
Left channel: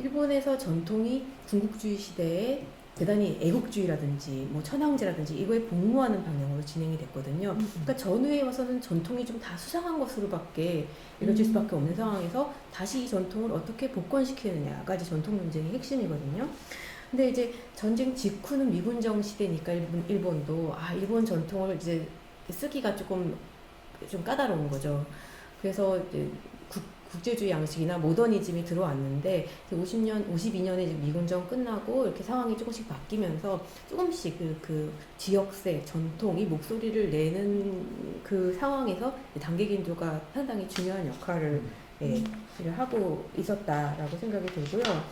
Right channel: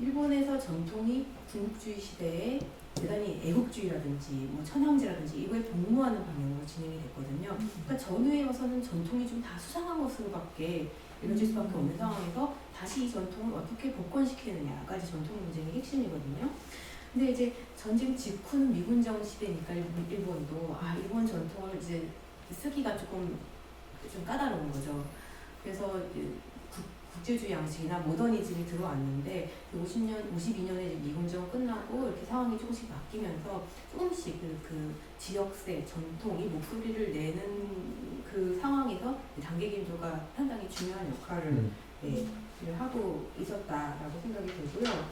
일본에서 전통이 군국주의 시대에 대단히 애국주의라든지 뭐 천황제라든지 이거에 복무하는 방향으로 진행이 됐거든요. 그러니까 전후에 와서는 전통이 좀 다 수상한 것으로밖에 이루어질 수밖에 없는 상황에서 다시 이 전통을 어떻게 복권시키느냐가 이제 전통 논쟁의 핵심이거든요. 근데 이제 전쟁 직후는 미군정 시대니까 일본도 일본 전통을 이제 쓰기가 좀 까다로운 거죠. 그래서 이제 국제주의 양식이나 모더니즘이 들어왔는데 52년에 이제 미군정 끝나고 이렇게 상황이 조금씩 바뀌면서 조금씩 그 지역세 전통이 목소리를 내는 그 상황에서 단계 겐조가 상당히 중요한 역할을 하고 있었다라고 생각이 들고요.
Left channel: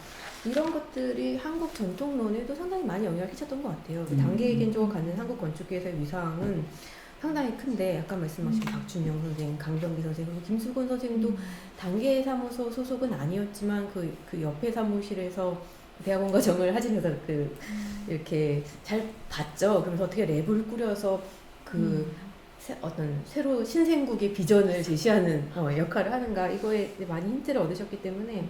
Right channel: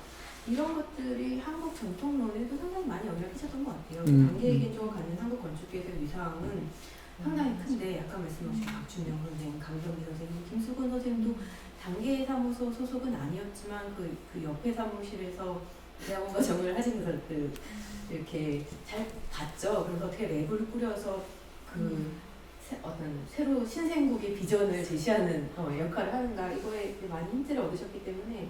이런 것들이 한국 전통론에도 상당히 많이 영향을 끼쳤던 것 같아요. 단계 겐조가 갖는 한국 건축계에서의 위상은 상당히 큰데 아까 말씀하신 박준영 선생, 강병기 선생님, 김수건 선생님도 단계 사무소 소속은 아니었지만 그 옆에 사무실에서 대학원과 정을 하시면서 이렇게 잘 봤죠. 그래서 어떻게 랩을 꾸려서 어떤 새로 신생국의 비전을 제시하는 역할을 하는가 이거에 많이 힌트를 얻으셨기 때문에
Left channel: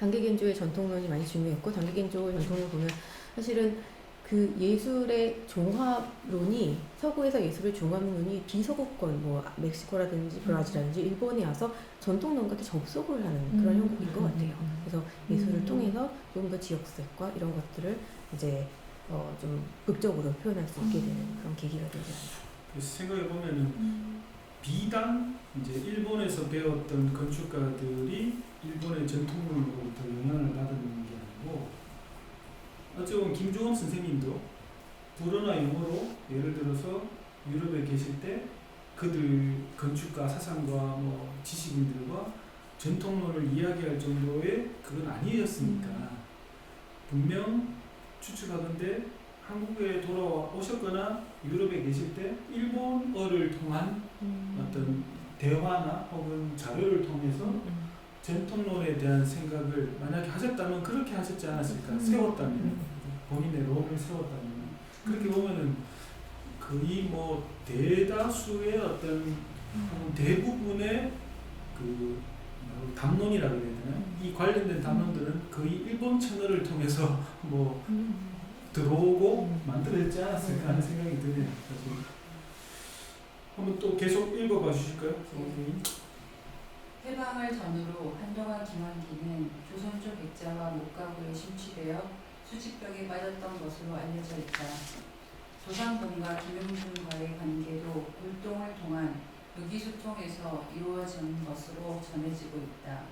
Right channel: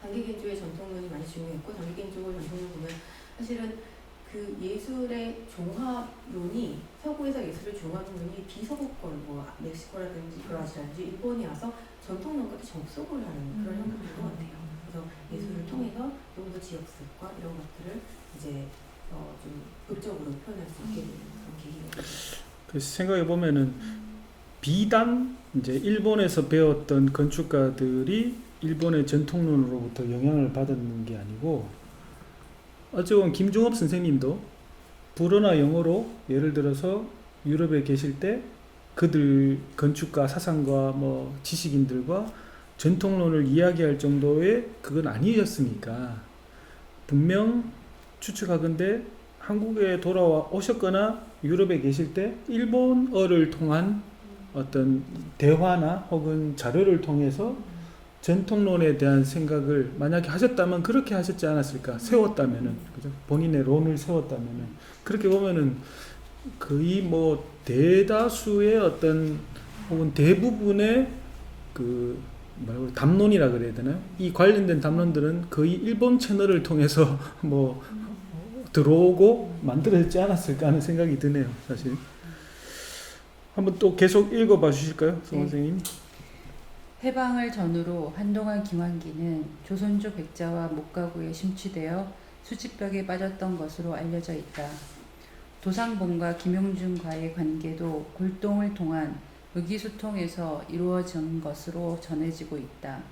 단계 겐조의 전통론이 많이 중요했고 단계 겐조의 전통을 보면 사실은 그 예술의 종합론이 서구에서 예술의 종합론이 비서구권 뭐 멕시코라든지 브라질이라든지 일본에 와서 전통론과 접속을 하는 그런 형국인 것 같아요. 그래서 예술을 통해서 좀 더 지역색과 이런 것들을 이제 좀 극적으로 표현할 수 있게 되는 그런 계기가 되죠. 그래서 생각해 보면은 비단 이제 일본에서 배웠던 건축가들이 일본의 전통론으로부터 영향을 받은 게 아니고 어쩌면 김종업 선생님도 불어나 영어로 예를 들어서 유럽에 계실 때 그들 건축가 사상가 뭐 지식인들과 전통론을 이야기할 정도의 그건 아니었으니까 분명 추측하건대 한국에 돌아오셨거나 유럽에 계실 때 일본어를 통한 어떤 대화나 혹은 자료를 통해서 전통론에 대한 생각을 만약에 하셨다면 그렇게 하셨지 않았을까? 세웠다면은 그죠? 본인의 론을 세웠다면은 그렇게 보면은 거의 뭐 대다수의 어떤 혹은 대부분의 그 뭐라고 담론이라 그래야 되나? 이 관련된 담론들은 거의 일본 채널을 통해서 뭐 들어오고 만들어지지 않았을까 하는 생각이 드네요, 사실. 한번 또 계속 읽어봐 주실까요, 송 선생님? 해방을 전후로 한동안 김환기는 조선조 백자와 목가구에 심취되어 수치벽에 빠졌던 것으로 알려져 있다. 도상본과 김용준과의 관계도 골동을 통한 의기소통에서 이루어진 것으로 전해지고 있다.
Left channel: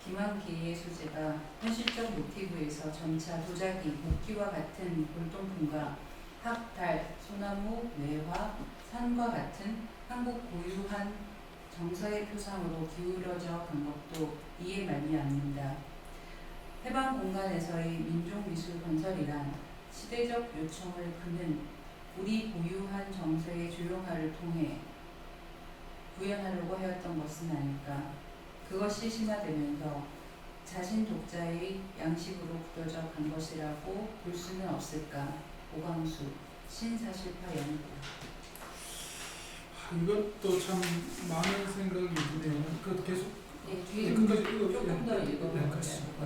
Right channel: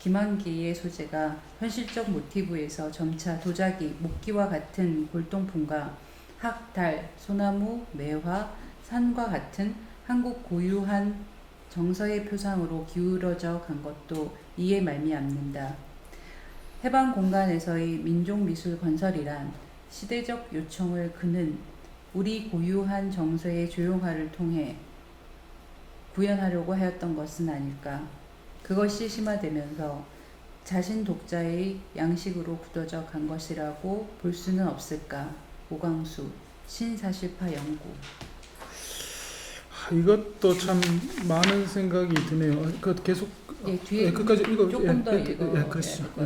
김환기의 소재가 현실적 모티브에서 점차 도자기, 목기와 같은 골동품과 학, 달, 소나무, 매화, 산과 같은 한국 고유한 정서의 표상으로 기울어져 간 것도 이에 말미암는다. 해방 공간에서의 민족미술 건설이란 시대적 요청을 그는 우리 고유한 정서의 조용화를 통해 구현하려고 하였던 것은 아닐까. 그것이 심화되면서 자신 독자의 양식으로 굳어져 간 것이라고 볼 수는 없을까. 오광수, 신사실파 연구. 이것도 참 많은 생각이 드네요. 그 계속 뒤에 끝까지 읽어. 조금 더 읽어야 그러시죠. 될 것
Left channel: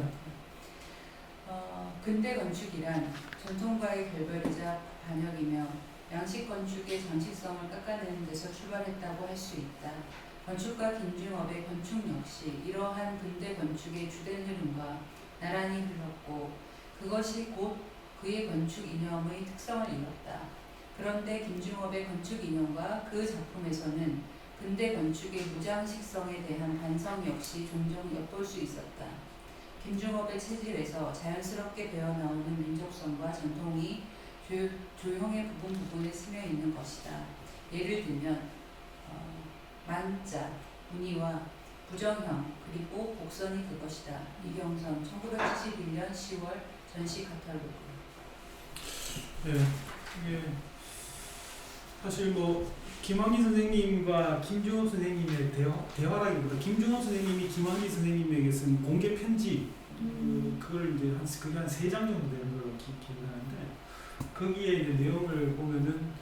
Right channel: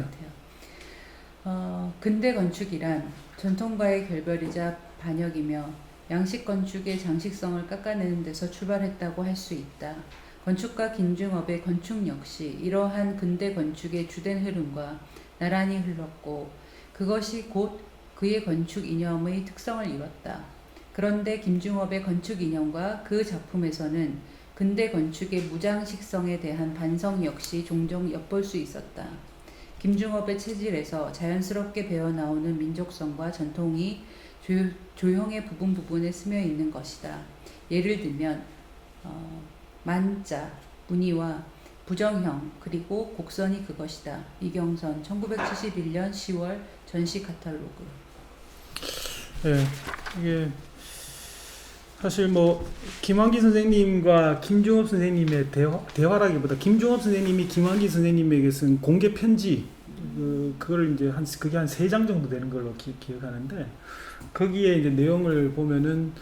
같아요. 근대 건축이란 전통과의 결별이자 반역이며 양식 건축의 장식성을 깎아내는 데서 출발했다고 할 수 있다. 건축가 김중업의 건축 역시 이러한 근대 건축의 주된 흐름과 나란히 흘렀고 그것이 곧 그의 건축 이념의 특성을 이뤘다. 그런데 김중업의 건축 이념과 그 작품에서는 근대 건축의 무장식성에 대한 반성 역시 종종 엿볼 수 있었다. 김중업의 체질에서 자연스럽게 배어나오는 민족성과 전통이 조형의 부분에 스며 있는 것이다. 예를 들면 만자, 문의와 부정형 그리고 곡선이 그것이다. 이경선 1971년 10월 전시 카탈로그. 네, 이게 사실 뭐 김환기 선생님과 김중업 선생님의 대화라기보다 김중업 선생님이 김환기 선생님에게 쓴 공개 편지 그걸 이제 그게 한 3장 정도 되는 걸로 기억하는데 거기에 이제 내용을 보면은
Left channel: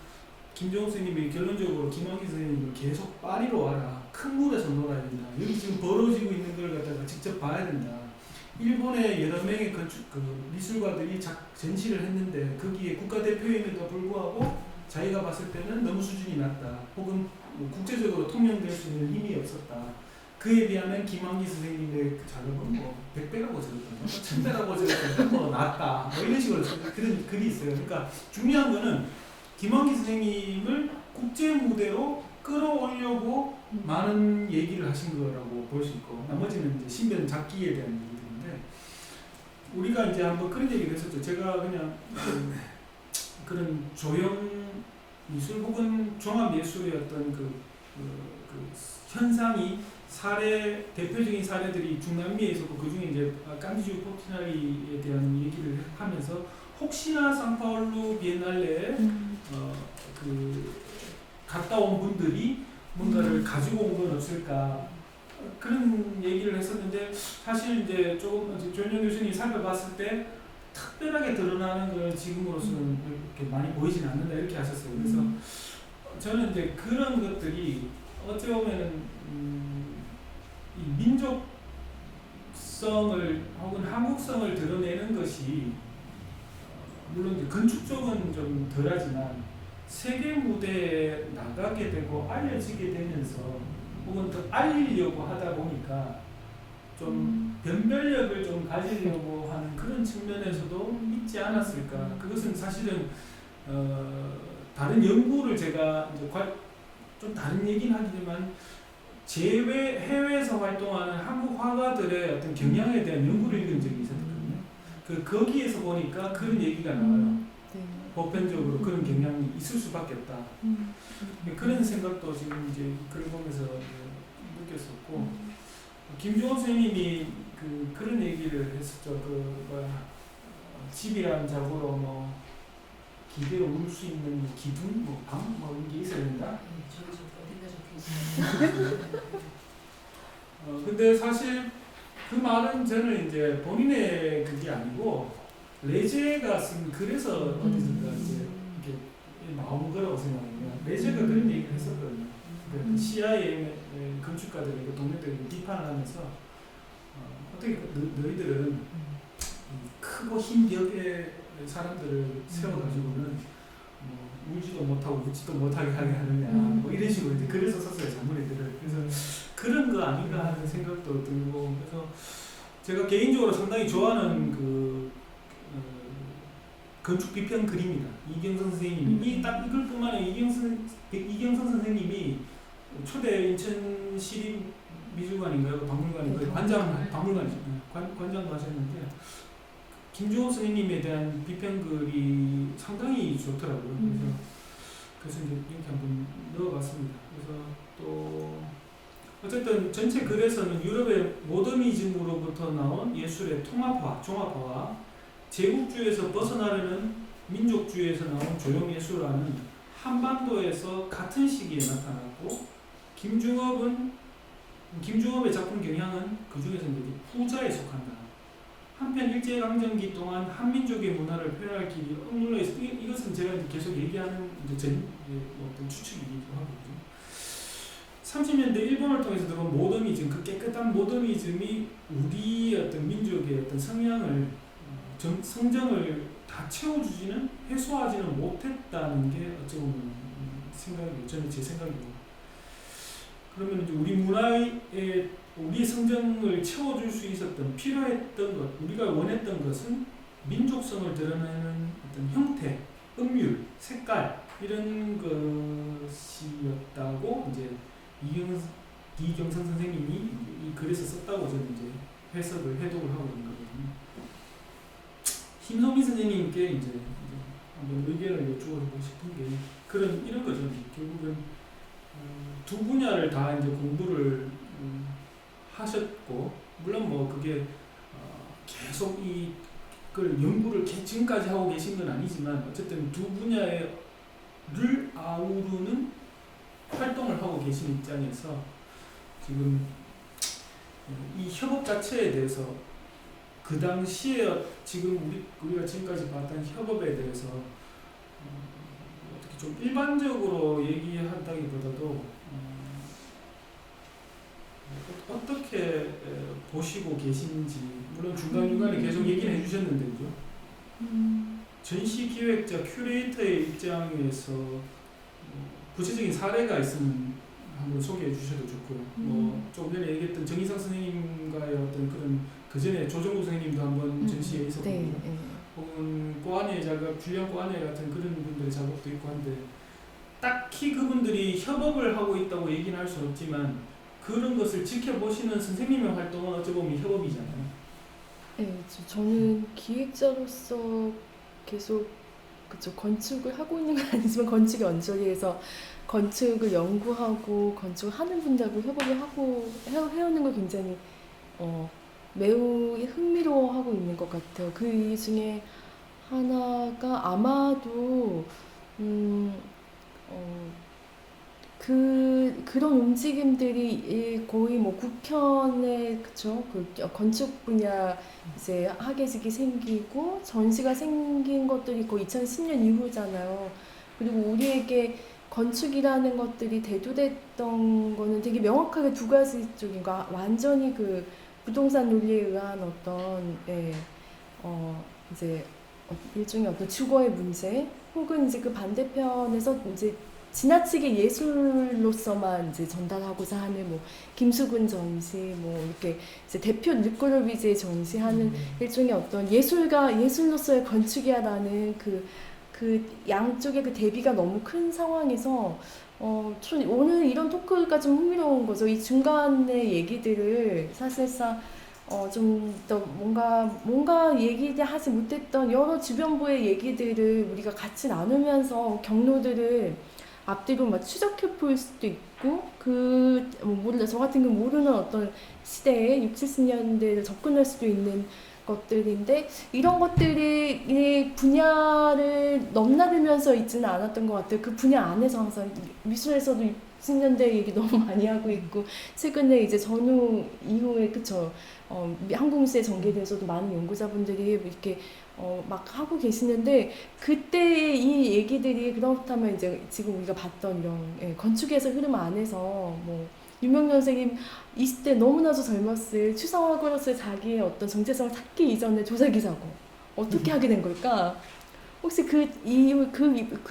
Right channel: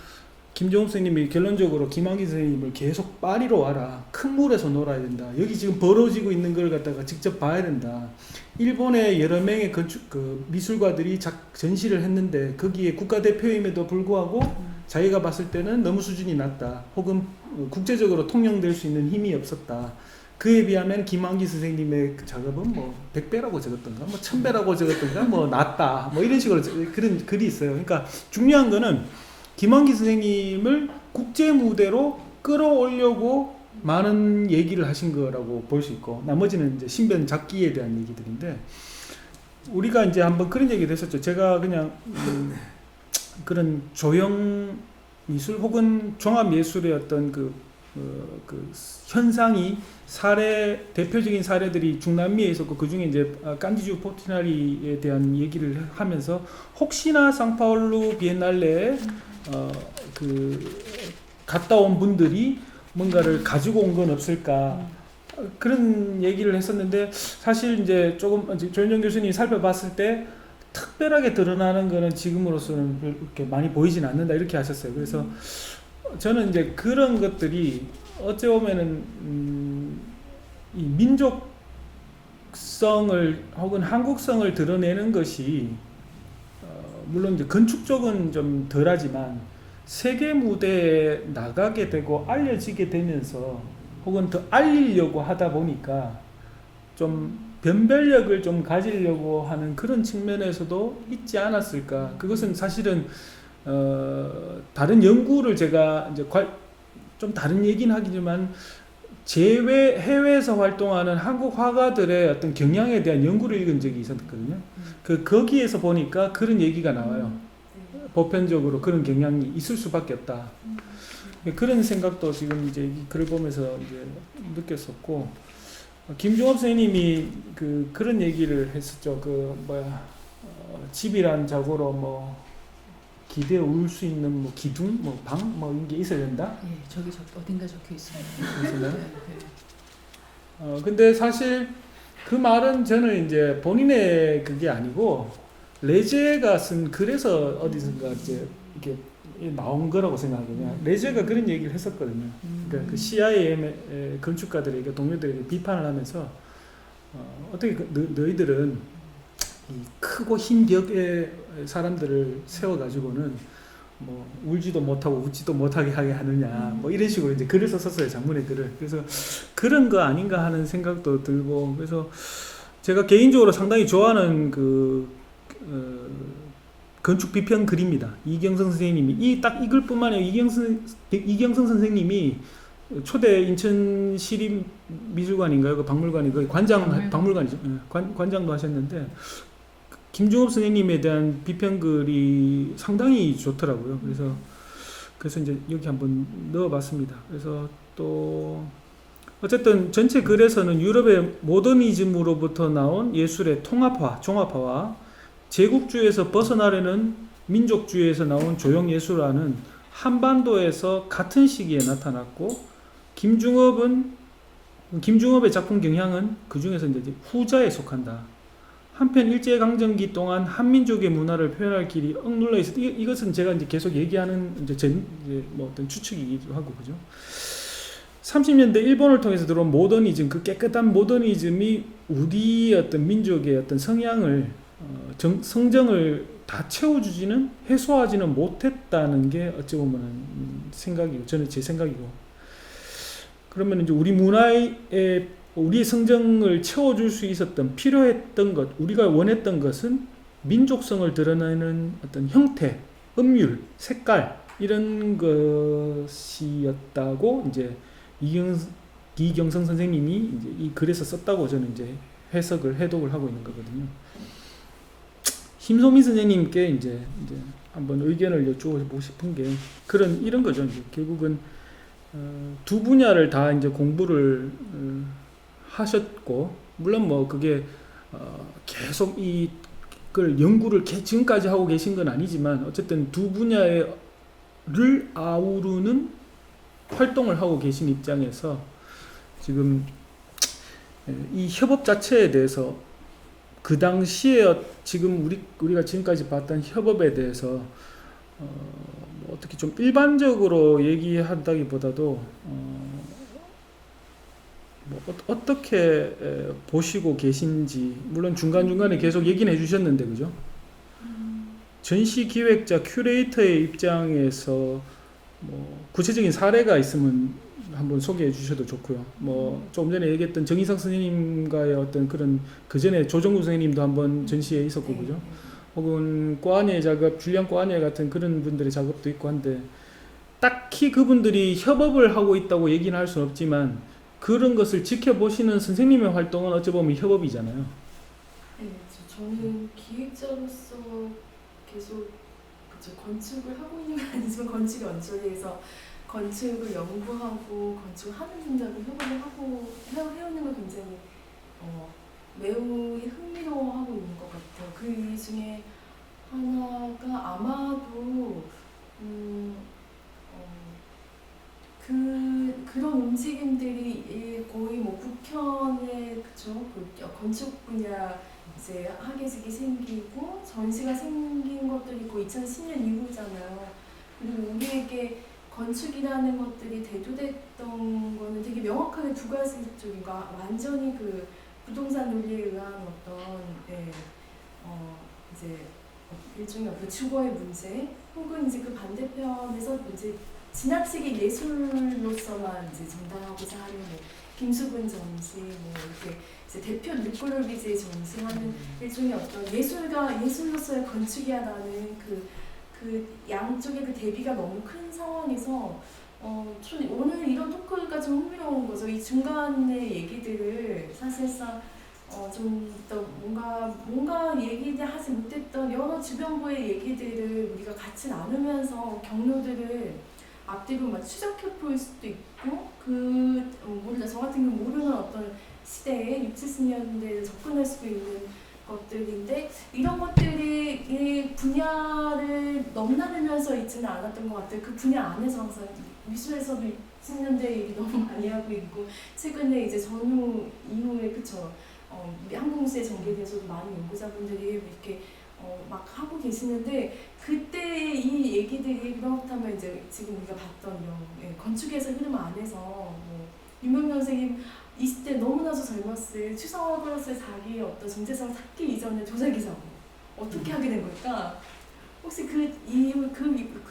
김종업 선생님이 결론적으로 김환기 선생님을 계속 파리로 와라. 큰 물에서 놀아야 된다. 여기 지금 벌어지고 있는 걸 갖다가 직접 봐야 된다. 일본의 여러 명의 미술가들이 전시를 했는데 거기에 국가대표임에도 불구하고 자기가 봤을 때는 너무 수준이 낮다. 혹은 국제적으로 통용될 수 있는 힘이 없었다. 그에 비하면 김환기 선생님의 작업은 뭐 100배라고 적었던가 뭐 1000배라고 적었던가 뭐 낫다. 뭐 이런 식으로 그런 글이 있어요. 그러니까 중요한 거는 김환기 선생님을 국제 무대로 끌어올려고 많은 얘기를 하신 거라고 볼 수 있고 나머지는 이제 신변 잡기에 대한 얘기들인데 우리가 이제 한번 그런 얘기를 했었죠. 제가 그냥 그런 조형 미술 혹은 종합 예술의 어떤 그 현상이 대표적인 사례들이 중남미에 있었고 그 중에 이제 깐디주 포티나리에 대한 얘기를 하면서 혹시나 상파울루 비엔날레에 갔다 온 분들이 뭔가를 가지고 온 건 없을까 그런 얘기를 했었는데 사실 이제 조금 조현정 교수님이 살펴봤을 때 특별하게 드러나는 거는 지금으로서는 그렇게 많이 보이진 않는다 이렇게 하셨어요. 그래서 저는 이제 그런 것들이 어찌 보면은 이 민족성을 혹은 한국성을 드러내는 것이 물론 이제 건축 쪽은 좀 덜하지만 세계 무대에 나가게 되고 알려지게 되면서 혹은 더 알리려고 하다 보니까 좀 변별력을 좀 가지려고 하는 그런 측면에서도 있지 않았을까. 그것은 사실은 다른 연구를 제가 이제 좀 다른 얘기는 하지만 해외에서 활동하는 한국 화가들의 어떤 경향에 대한 연구를 읽은 적이 있었거든요. 거기에서 보니까 그런 얘기가 나와요. 보편적으로 그런 경향이 있을 수밖에 없다. 그런 생각도 지금 이제 글을 보면서 이제 느꼈었고, 김종업 선생님이 그런 얘기를 했었죠. 집이란 자고로 뭐 기대에 울 수 있는 뭐 기둥, 뭐 방, 뭐 이런 게 있어야 된다. 네, 저기 어딘가 적혀 있어요. 근데 사실 그 말은 저는 이제 본인의 그게 아니고 레제가 쓴 글에서 어디선가 이제 이게 나온 거라고 생각해요. 레제가 그런 얘기를 했었거든요. 그러니까 그 CIA 건축가들에게 동료들에게 비판을 하면서 어떻게 너희들은 이 크고 흰 벽에 사람들을 세워가지고는 뭐 울지도 못하고 웃지도 못하게 하게 하느냐 뭐 이런 식으로 이제 글을 썼었어요, 장문의 글을. 그래서 그런 거 아닌가 하는 생각도 들고, 그래서 제가 개인적으로 상당히 좋아하는 건축 비평 글입니다. 이경성 선생님이 이 딱 이 글뿐만 아니라 이경성 선생님이 초대 인천 시립미술관인가요? 그 박물관이 그 박물관이죠. 관장도 하셨는데 김중업 선생님에 대한 비평글이 상당히 좋더라고요. 그래서 이제 여기 한번 넣어봤습니다. 그래서 또 어쨌든 전체 글에서는 유럽의 모더니즘으로부터 나온 예술의 통합화, 종합화와 제국주의에서 벗어나려는 민족주의에서 나온 조형예술화는 한반도에서 같은 시기에 나타났고, 김중업의 작품 경향은 그 중에서 이제 후자에 속한다. 한편 일제강점기 동안 한민족의 문화를 표현할 길이 억눌러 있었다. 이것은 제가 이제 계속 얘기하는 이제 뭐 어떤 추측이기도 하고, 그죠? 30년대 일본을 통해서 들어온 모더니즘, 그 깨끗한 모더니즘이 우리 어떤 민족의 어떤 성향을 성정을 다 채워주지는 해소하지는 못했다는 게 어찌 보면 생각이고, 저는 제 생각이고. 그러면 이제 우리 문화의 우리 성정을 채워줄 수 있었던 필요했던 것, 우리가 원했던 것은 민족성을 드러내는 어떤 형태, 음율, 색깔 이런 것이었다고 이제 이경성 선생님이 이제 이 글에서 썼다고 저는 이제 해독을 하고 있는 거거든요. 심소민 선생님께 이제 한번 의견을 여쭈고 싶은 게 이런 거죠. 결국은 두 분야를 다 이제 공부를 하셨고, 물론 뭐 그게 계속 이걸 연구를 지금까지 하고 계신 건 아니지만 어쨌든 두 분야를 아우르는 활동을 하고 계신 입장에서 지금 이 협업 자체에 대해서 그 당시에 지금 우리가 지금까지 봤던 협업에 대해서 어떻게 좀 일반적으로 얘기한다기보다도 뭐 어떻게 보시고 계신지, 물론 중간중간에 계속 얘기는 해주셨는데, 그죠? 전시 기획자, 큐레이터의 입장에서 뭐 구체적인 사례가 있으면 한번 소개해 주셔도 좋고요. 뭐 조금 전에 얘기했던 정희석 선생님과의 어떤 그런, 그 전에 조정구 선생님도 한번 전시에 있었고, 네, 그죠? 네. 혹은 꼬아니의 작업, 줄리안 꼬아니에 같은 그런 분들의 작업도 있고 한데, 딱히 그분들이 협업을 하고 있다고 얘기는 할 수는 없지만 그런 것을 지켜보시는 선생님의 활동은 어찌 보면 협업이잖아요. 네, 저는 기획자로서 계속 건축을 하고 있는 건 아니지만 건축의 언저리에서 건축을 연구하고 건축하는 분들하고 협업을 하고 해오는 걸 굉장히 매우 흥미로워하고 있는 것 같아요. 그 중에 하나가 아마도 그런 움직임들이 거의 뭐 국현의 건축 분야 이제 학예직이 생기고 전시가 생긴 것들이 거의 2010년 이후잖아요. 그리고 우리에게 건축이라는 것들이 대두됐던 거는 되게 명확하게 두 가지 쪽인 거, 완전히 그 부동산 논리에 의한 이제 일종의 어떤 주거의 문제, 혹은 이제 그 반대편에서 이제 지나치게 예술로서만 이제 전달하고자 하는 뭐 김수근 전시, 뭐 이렇게 이제 대표 르꼬르비제의 전시하는 일종의 어떤 예술로서의 건축이야라는 그 양쪽의 그 대비가 너무 큰 상황에서 오늘 이런 토크가 좀 흥미로운 거죠. 이 중간의 얘기들을 사실상 좀 더 뭔가 얘기하지 못했던 여러 주변부의 얘기들을 우리가 같이 나누면서 경로들을 앞뒤로 막 추적해 볼 수도 있고, 모르다 저 같은 경우 모르는 어떤 시대에 60, 70년대에 접근할 수도 있는 것들인데, 이런 것들이 이 분야를 넘나들면서 있지는 않았던 것 같아요. 그 분야 안에서 항상 미술에서도 60년대 얘기 너무 많이 하고 있고, 최근에 이제 전후 이후에 한국미술의 전개에 대해서도 많은 연구자분들이 이렇게 막 하고 계시는데, 그때의 이 얘기들이 그렇다면 이제 지금 우리가 봤던 이런 건축에서 흐름 안에서 뭐 유명 선생님 20대 너무나도 젊었을 추상화그로서의 자기의 어떤 정체성을 찾기 이전에 조사기사고 어떻게 하게 된 걸까? 혹시 그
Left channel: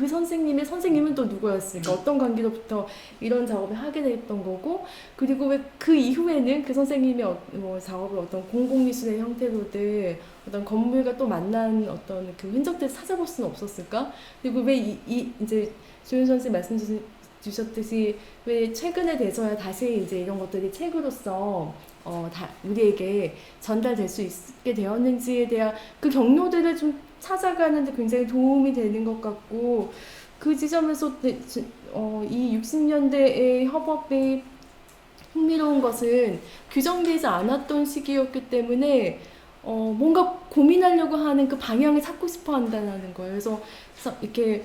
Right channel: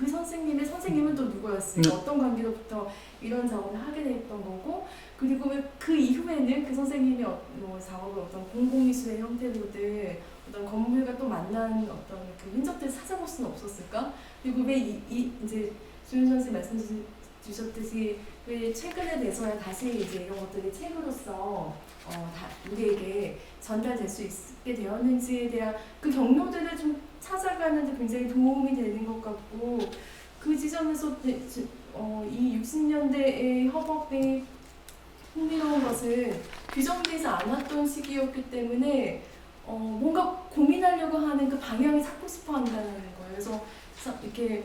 선생님은 또 누구였을까? 어떤 관계로부터 이런 작업을 하게 됐던 거고, 그리고 왜 그 이후에는 그 선생님의 뭐 작업을 어떤 공공미술의 형태로든 어떤 건물과 또 만난 어떤 그 흔적들을 찾아볼 수는 없었을까? 그리고 왜 이제 조윤 선생님 말씀 주셨듯이 왜 최근에 돼서야 다시 이제 이런 것들이 책으로서 다 우리에게 전달될 수 있게 되었는지에 대한 그 경로들을 좀 찾아가는 데 굉장히 도움이 되는 것 같고, 그 지점에서 이 60년대의 협업이 흥미로운 것은 규정되지 않았던 시기였기 때문에 뭔가 고민하려고 하는 그 방향을 찾고 싶어 한다는 거예요. 그래서 이렇게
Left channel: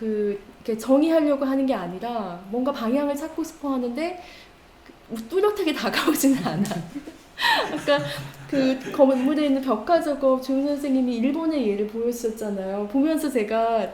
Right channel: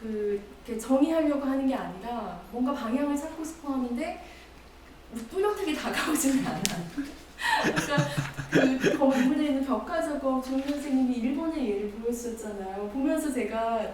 이렇게 정의하려고 하는 게 아니라 뭔가 방향을 찾고 싶어 하는데 뚜렷하게 다가오지는 않아. 아까 그 건물에 있는 벽화 작업 조윤 선생님이 일본의 예를 보여주셨잖아요. 보면서 제가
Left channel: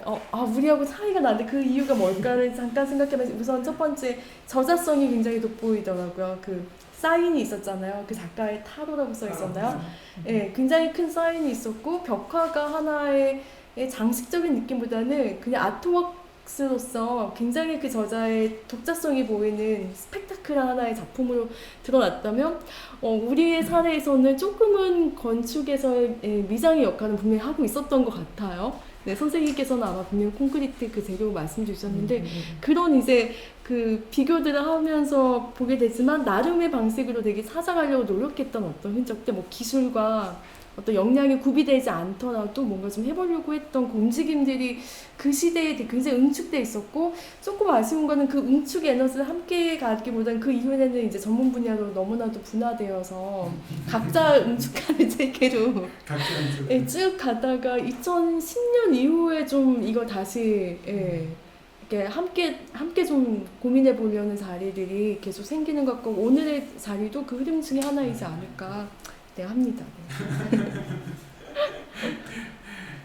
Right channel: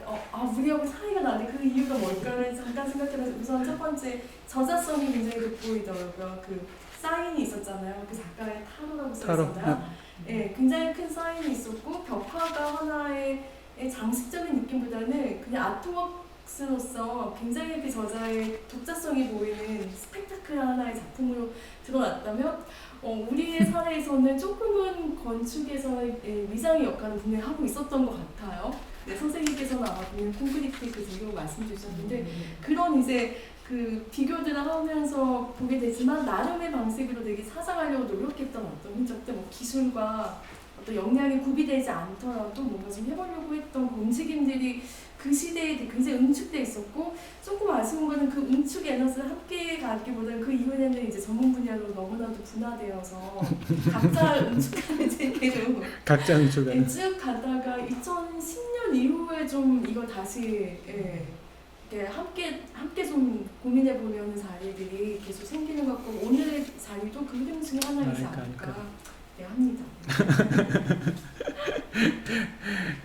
우리하고 차이가 나는데 그 이유가 뭘까를 잠깐 생각해봤어요. 우선 첫 번째 저자성이 굉장히 돋보이더라고요. 그 사인이 있었잖아요. 그 작가의 타로라고 써 있었나요? 네, 굉장히 큰 사인이 있었고 벽화가 하나의 장식적인 느낌보다는 그냥 아트웍스로서 굉장히 그 저자의 독자성이 보이는 스펙타클한 하나의 작품으로 드러났다면 우리의 사례에서는 조금은 건축에서의 미장의 역할은 분명히 하고 있었던 것 같아요. 네, 선생님께서는 아마 분명히 콘크리트 그 재료 말씀 주셨는데 그런 이제 그 비교들을 하면서 보게 되지만 나름의 방식으로 되게 찾아가려고 노력했던 어떤 흔적들, 뭐 기술과 어떤 역량이 구비되지 않더라도 뭔가 좀 해보려고 했던 그 움직임들이 그 시대에 굉장히 응축돼 있었고, 조금 아쉬운 거는 그 응축 에너지를 함께 가기보다는 그 이후에는 이제 전문 분야로 너무나도 분화되어서 각자 응축하는 세계로 각자 응축을 쭉 가다가 2010년 이후에 좀 이거 다시 이렇게 함께 좀 고민해 보려는 자리들이 계속 생기는 것 같고, 오늘의 자리도 그 흐름 중에 하나이지 않을까 합니다.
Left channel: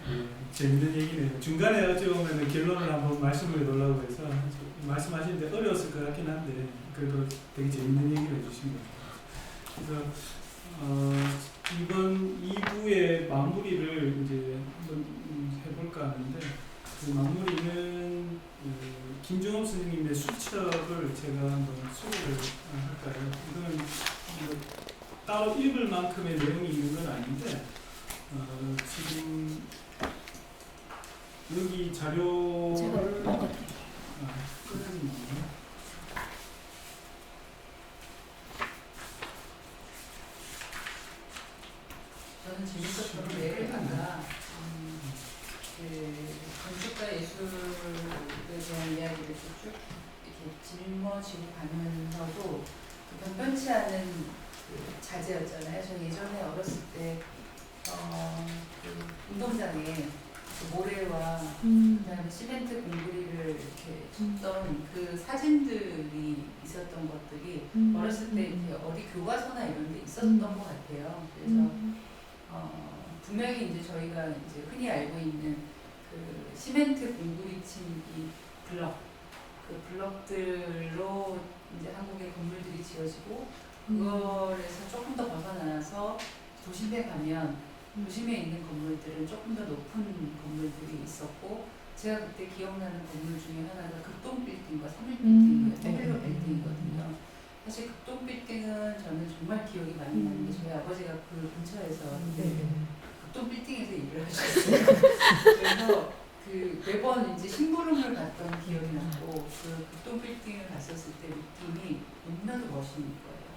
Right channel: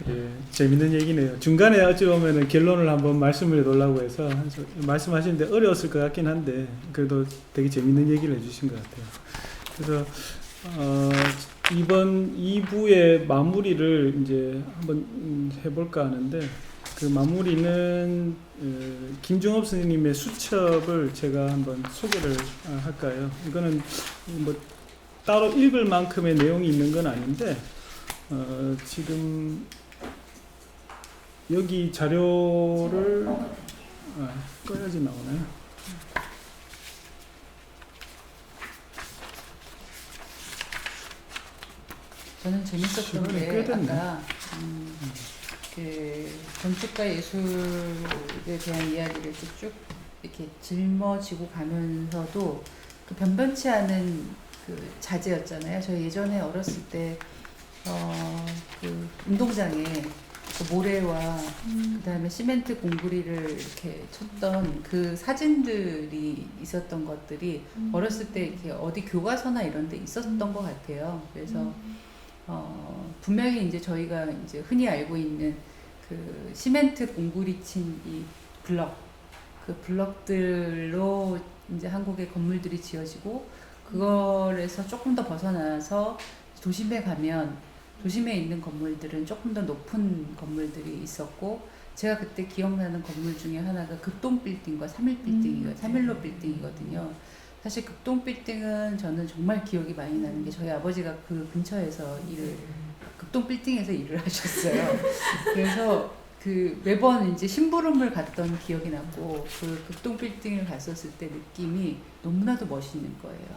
예, 재밌는 얘기네요. 중간에 어찌 보면 결론을 한번 말씀을 해보려고 해서 말씀하시는데 어려웠을 것 같긴 한데 그래도 되게 재밌는 얘기를 해주신 것 같아요. 그래서 이번 2부의 마무리를 이제 한번 해볼까 하는데, 그 마무리는 김종업 선생님의 수첩을 제가 한번 소개를 할까요? 이거는 뭐 따로 읽을 만큼의 내용이 있는 건 아닌데 지금 여기 자료를 꺼야지 나오나요? 저는 재밌었던 게 아까 그 건축과 예술에 대한 이야기를 이렇게 쭉 이렇게 짊어지고 가면서도 그 변변치 않은 그 자재였잖아요. 저 예전에 어렸을 때 그 운동장에 그 모래와 그다음에 시멘트 공구리를 이렇게 쳤던 그 사진들이 있었던 것들이 어렸을 때 이렇게 어디 교과서나 이런 데 있었던 것 같아요. 그래서 분명히 이제 저희가 이제 흔히 알고 있는 그 시멘트 공구리 친 이 블럭, 그 블럭들로 이제 한국의 건물들이 지어지고, 그거에서 조금 더 벗어나서 도심에 가면 도심에 있는 건물들은 조금 더 높은 건물들이 있었고, 제가 그때 기억나는 건물 중에 하나가 극동 빌딩과 3일로 빌딩이거든요. 사실 극동 빌딩은 저는 정말 기억이 많이 나는 게 저희 아버지가 그 근처에서 극동 빌딩에서 일을 하셨어요. 그래서 그 매번 이제 심부름을 갔던 기억이 나고, 그 극동 빌딩을 갔었을 때 느낌이 너무나도 멋있는 거예요.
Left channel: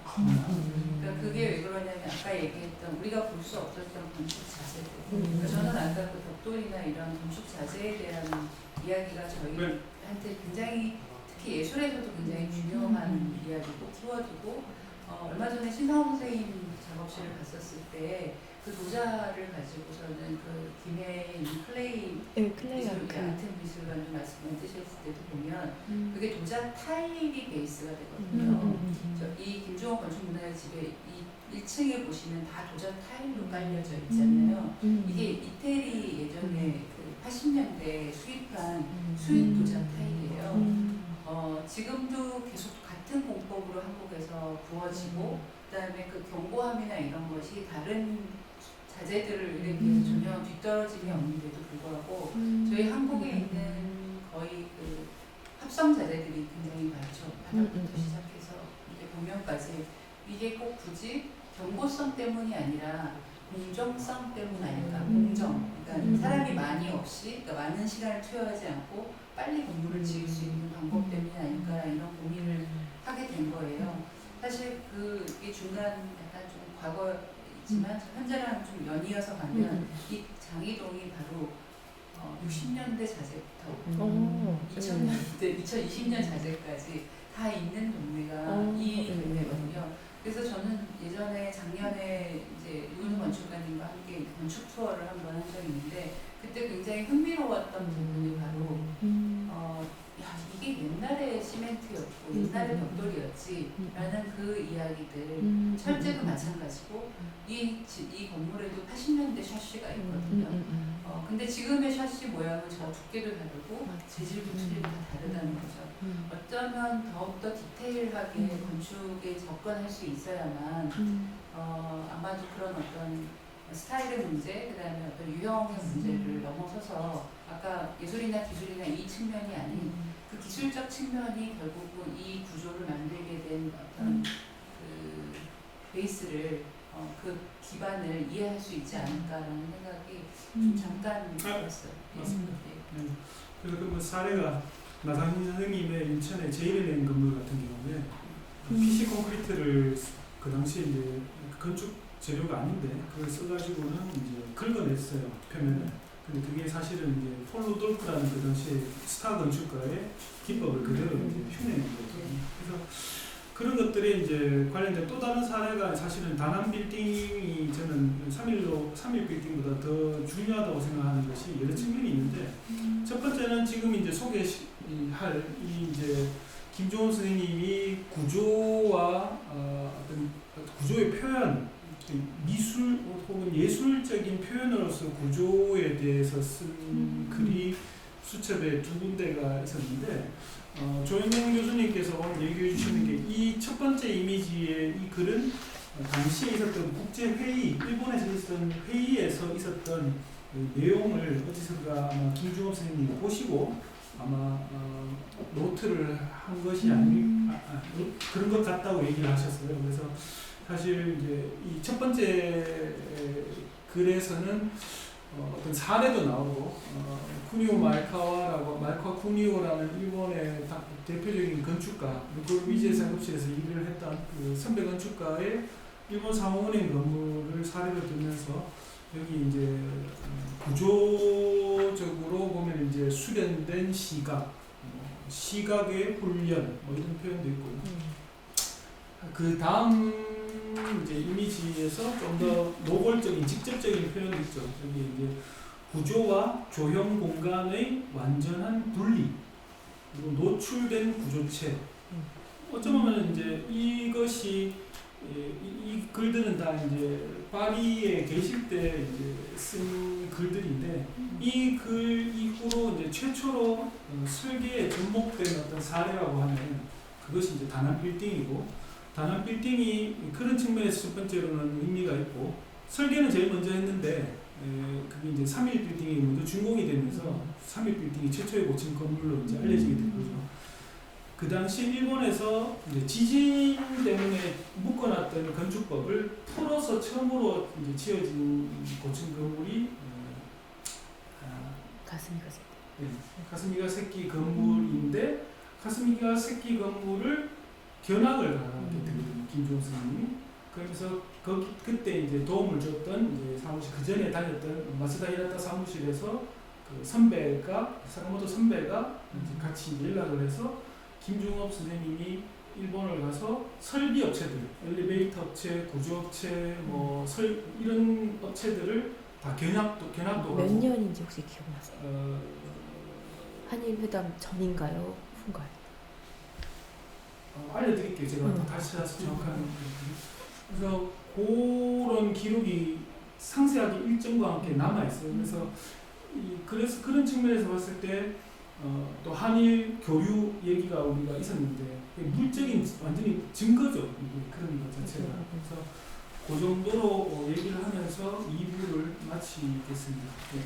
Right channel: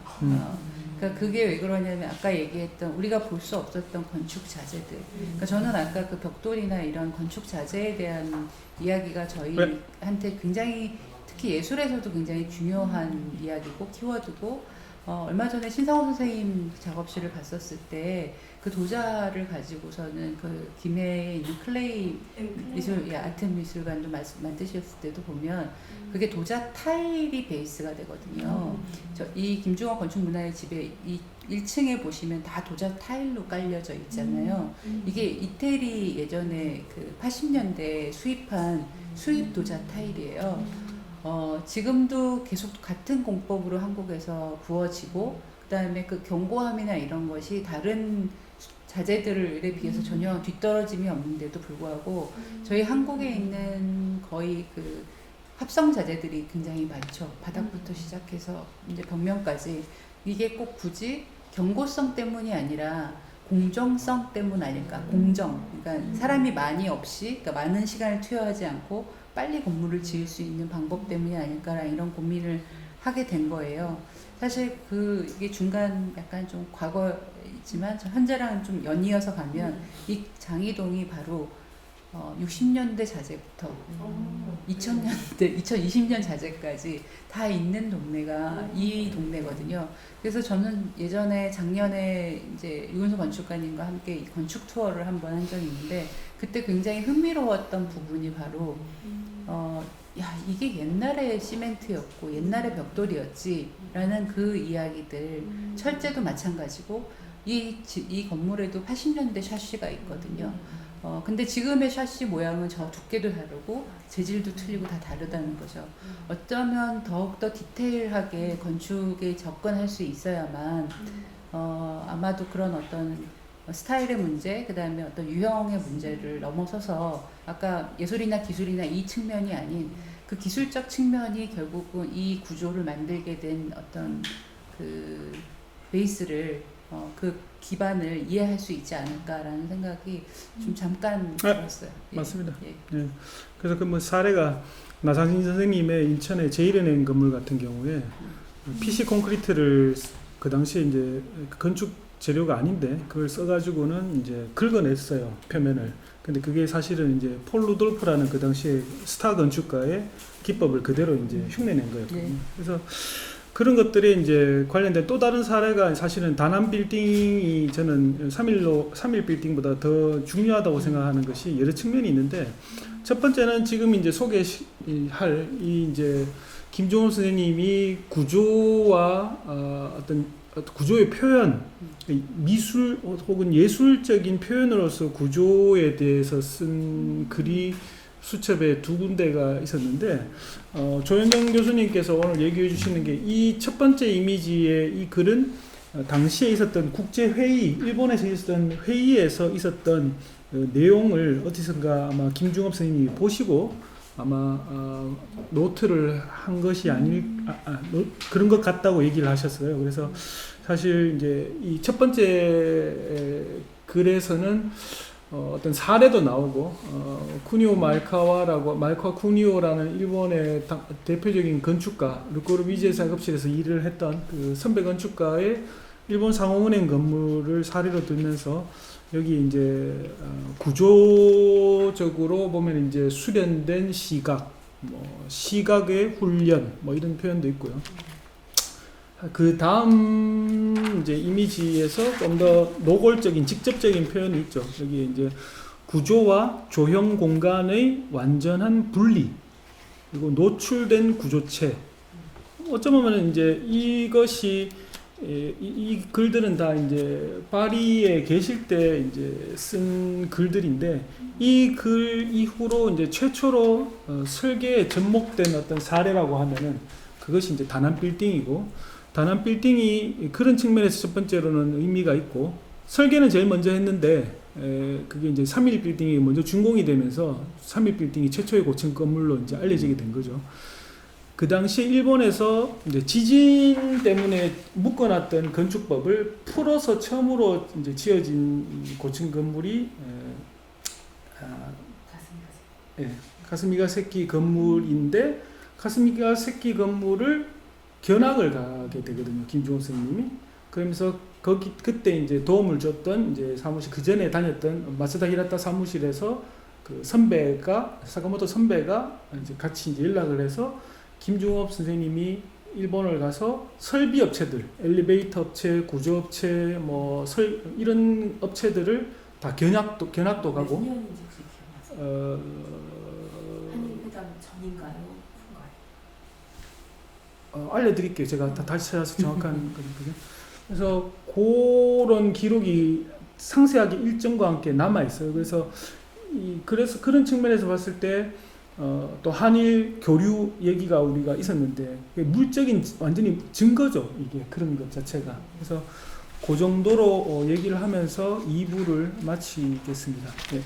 그러니까 그게 왜 그러냐면 아까 얘기했던 우리가 볼 수 없었던 건축 자재들. 그러니까 저는 아까 그 벽돌이나 이런 건축 자재에 대한 이야기가 저희한테 굉장히, 특히 예술에서도 굉장히 중요한 이야기고 키워드고, 얼마 전에 신상호 선생님 작업실을 갔었을 때 그 도자를 가지고서는 그 김해에 있는 클레이 아트 미술관도 만드셨을 때도 보면 그게 도자 타일이 베이스가 되거든요. 이 김종업 건축문화의 집에 이 1층에 보시면 다 도자 타일로 깔려져 있잖아요. 이게 이태리 예전에 그 80년대에 수입한 수입 도자 타일이에요. 지금도 계속 같은 공법으로 한국에서 구워지고 그다음에 그 경고함이나 이런 것이 다른 자재들에 비해서 전혀 뒤떨어짐이 없는데도 불구하고 저희 한국에 있는 거의 그 합성 자재들이 굉장히 많죠. 바닥부터 시작해서 이제 벽면까지 이게 꼭 굳이 경고성 때문이 아니라 공정성 때문 아닐까? 공정. 그러니까 사람이 많이 없이, 그러니까 많은 시간을 투여하지 않고 빨리 건물을 지을 수 있는 방법 때문이 아닐까라는 이런 고민을 하게 된 거예요. 사실 이게 중간 약간 좀 과거이지만 현재랑 좀 연이어서 가면 이 장이동이 바로 60년대 자재부터 2000년대, 2020년 자재까지 다 있는 동네가 이 동네거든요. 그래서 저는 예전에 작년에 이제 유은서 건축가님과 함께 이 건축 투어를 한번 한 적이 있는데 그때 굉장히 흥미로웠던 부분이 바로 야 이게 옛날에 시멘트였고 옛날에 벽돌이었지라는 그 이야기들 철제도 마찬가지고 이 건물에도 80년대 샤시가 있거든요. 근데 지금의 샤시 모양은 저 두께도 다르고 재질도 틀리고 다 다르다는 거죠. 어쩌면 더욱더 디테일하게 건축에 접근할 수 있어야만 아마도 그런 어떤 스타일의 문제, 그 다음에 어떤 유형의 문제를 넘어서서 아까 예술이나 기술이나 이 측면이 아닌 그 기술적 측면이 결국은 이 구조를 만들게 된 어떤 그 베이스를 그 기반을 이해할 수 있지 않을까라는 생각이 좀 잠깐 들었어요. 맞습니다. 예. 예. 그래서 그 뭐 사례가 나상신 선생님의 인천의 제1은행 건물 같은 경우에 PC 콘크리트를 그 당시에 이제 건축 재료가 아닌데 그걸 써가지고는 이제 긁어냈어요, 표면을. 근데 그게 사실은 이제 폴 루돌프라는 그 당시에 스타 건축가의 기법을 그대로 이제 흉내낸 거였거든요. 그래서 그런 것들이 이제 관련된 또 다른 사례가 사실은 다남 빌딩이 저는 3일 빌딩보다 더 중요하다고 생각하는 것이 여러 측면이 있는데 첫 번째는 지금 이제 소개할 이 이제 김종훈 선생님이 구조와 어떤 구조의 표현, 미술 혹은 예술적인 표현으로서 구조에 대해서 쓴 글이 수첩에 2군데가 있었는데 조현정 교수님께서 오늘 얘기해 주시는 게 이 첫 번째 이미지의 이 글은 당시에 있었던 국제회의, 일본에서 있었던 회의에서 있었던 내용을 어디선가 아마 김중업 선생님이 보시고 아마 노트를 한 것이 그런 것 같다고 얘기를 하셨어요. 그래서 사실 이제 이 첫 번째 글에서는 어떤 사례도 나오고 쿠니오 말카와 쿠니오라는 일본의 대표적인 건축가 르꼬르 미제 작업실에서 일을 했던 그 선배 건축가의 일본 상호은행 건물을 사례로 들면서 여기 이제 구조적으로 보면 이제 수련된 시각, 시각의 훈련 이런 표현도 있고요. 그 다음 이제 이미지에서 좀 더 노골적인 직접적인 표현이 있죠. 여기 이제 구조와 조형 공간의 완전한 분리 그리고 노출된 구조체. 어쩌면 이제 이것이 이 글들은 다 이제 파리에 계실 때 이제 쓴 글들인데 이 글 이후로 이제 최초로 설계에 접목된 어떤 사례라고 하면은 그것이 이제 다남 빌딩이고. 다남 빌딩이 그런 측면에서 첫 번째로는 의미가 있고 설계는 제일 먼저 했는데 그게 이제 3일 빌딩이 먼저 준공이 되면서 3일 빌딩이 최초의 고층 건물로 이제 알려지게 된 거죠. 그 당시 일본에서 이제 지진 때문에 묶어놨던 건축법을 풀어서 처음으로 이제 지어진 고층 건물이 가스미가세키 건물인데 가스미가세키 건물을 견학을 가게 되거든요. 김종훈 선생님이. 그러면서 그때 이제 도움을 줬던 이제 사무실 그 전에 다녔던 마츠다 히라타 사무실에서 그 선배가 사카모토 선배가 이제 같이 이제 연락을 해서 김중업 선생님이 일본을 가서 설비 업체들, 엘리베이터 업체, 구조 업체, 이런 업체들을 다 견학도 가고. 몇 년인지 혹시 기억나세요? 한일회담 전인가요? 알려드릴게요. 제가 다시 찾아서 정확한 거거든요. 그래서 그런 기록이 상세하게 일정과 함께 남아 있어요. 그래서 그런 측면에서 봤을 때 또 한일 교류 얘기가 우리가 있었는데 물적인 완전히 증거죠. 이게 그런 것 자체가. 그래서 그 정도로 얘기를 하면서 2부를 마치겠습니다. 네.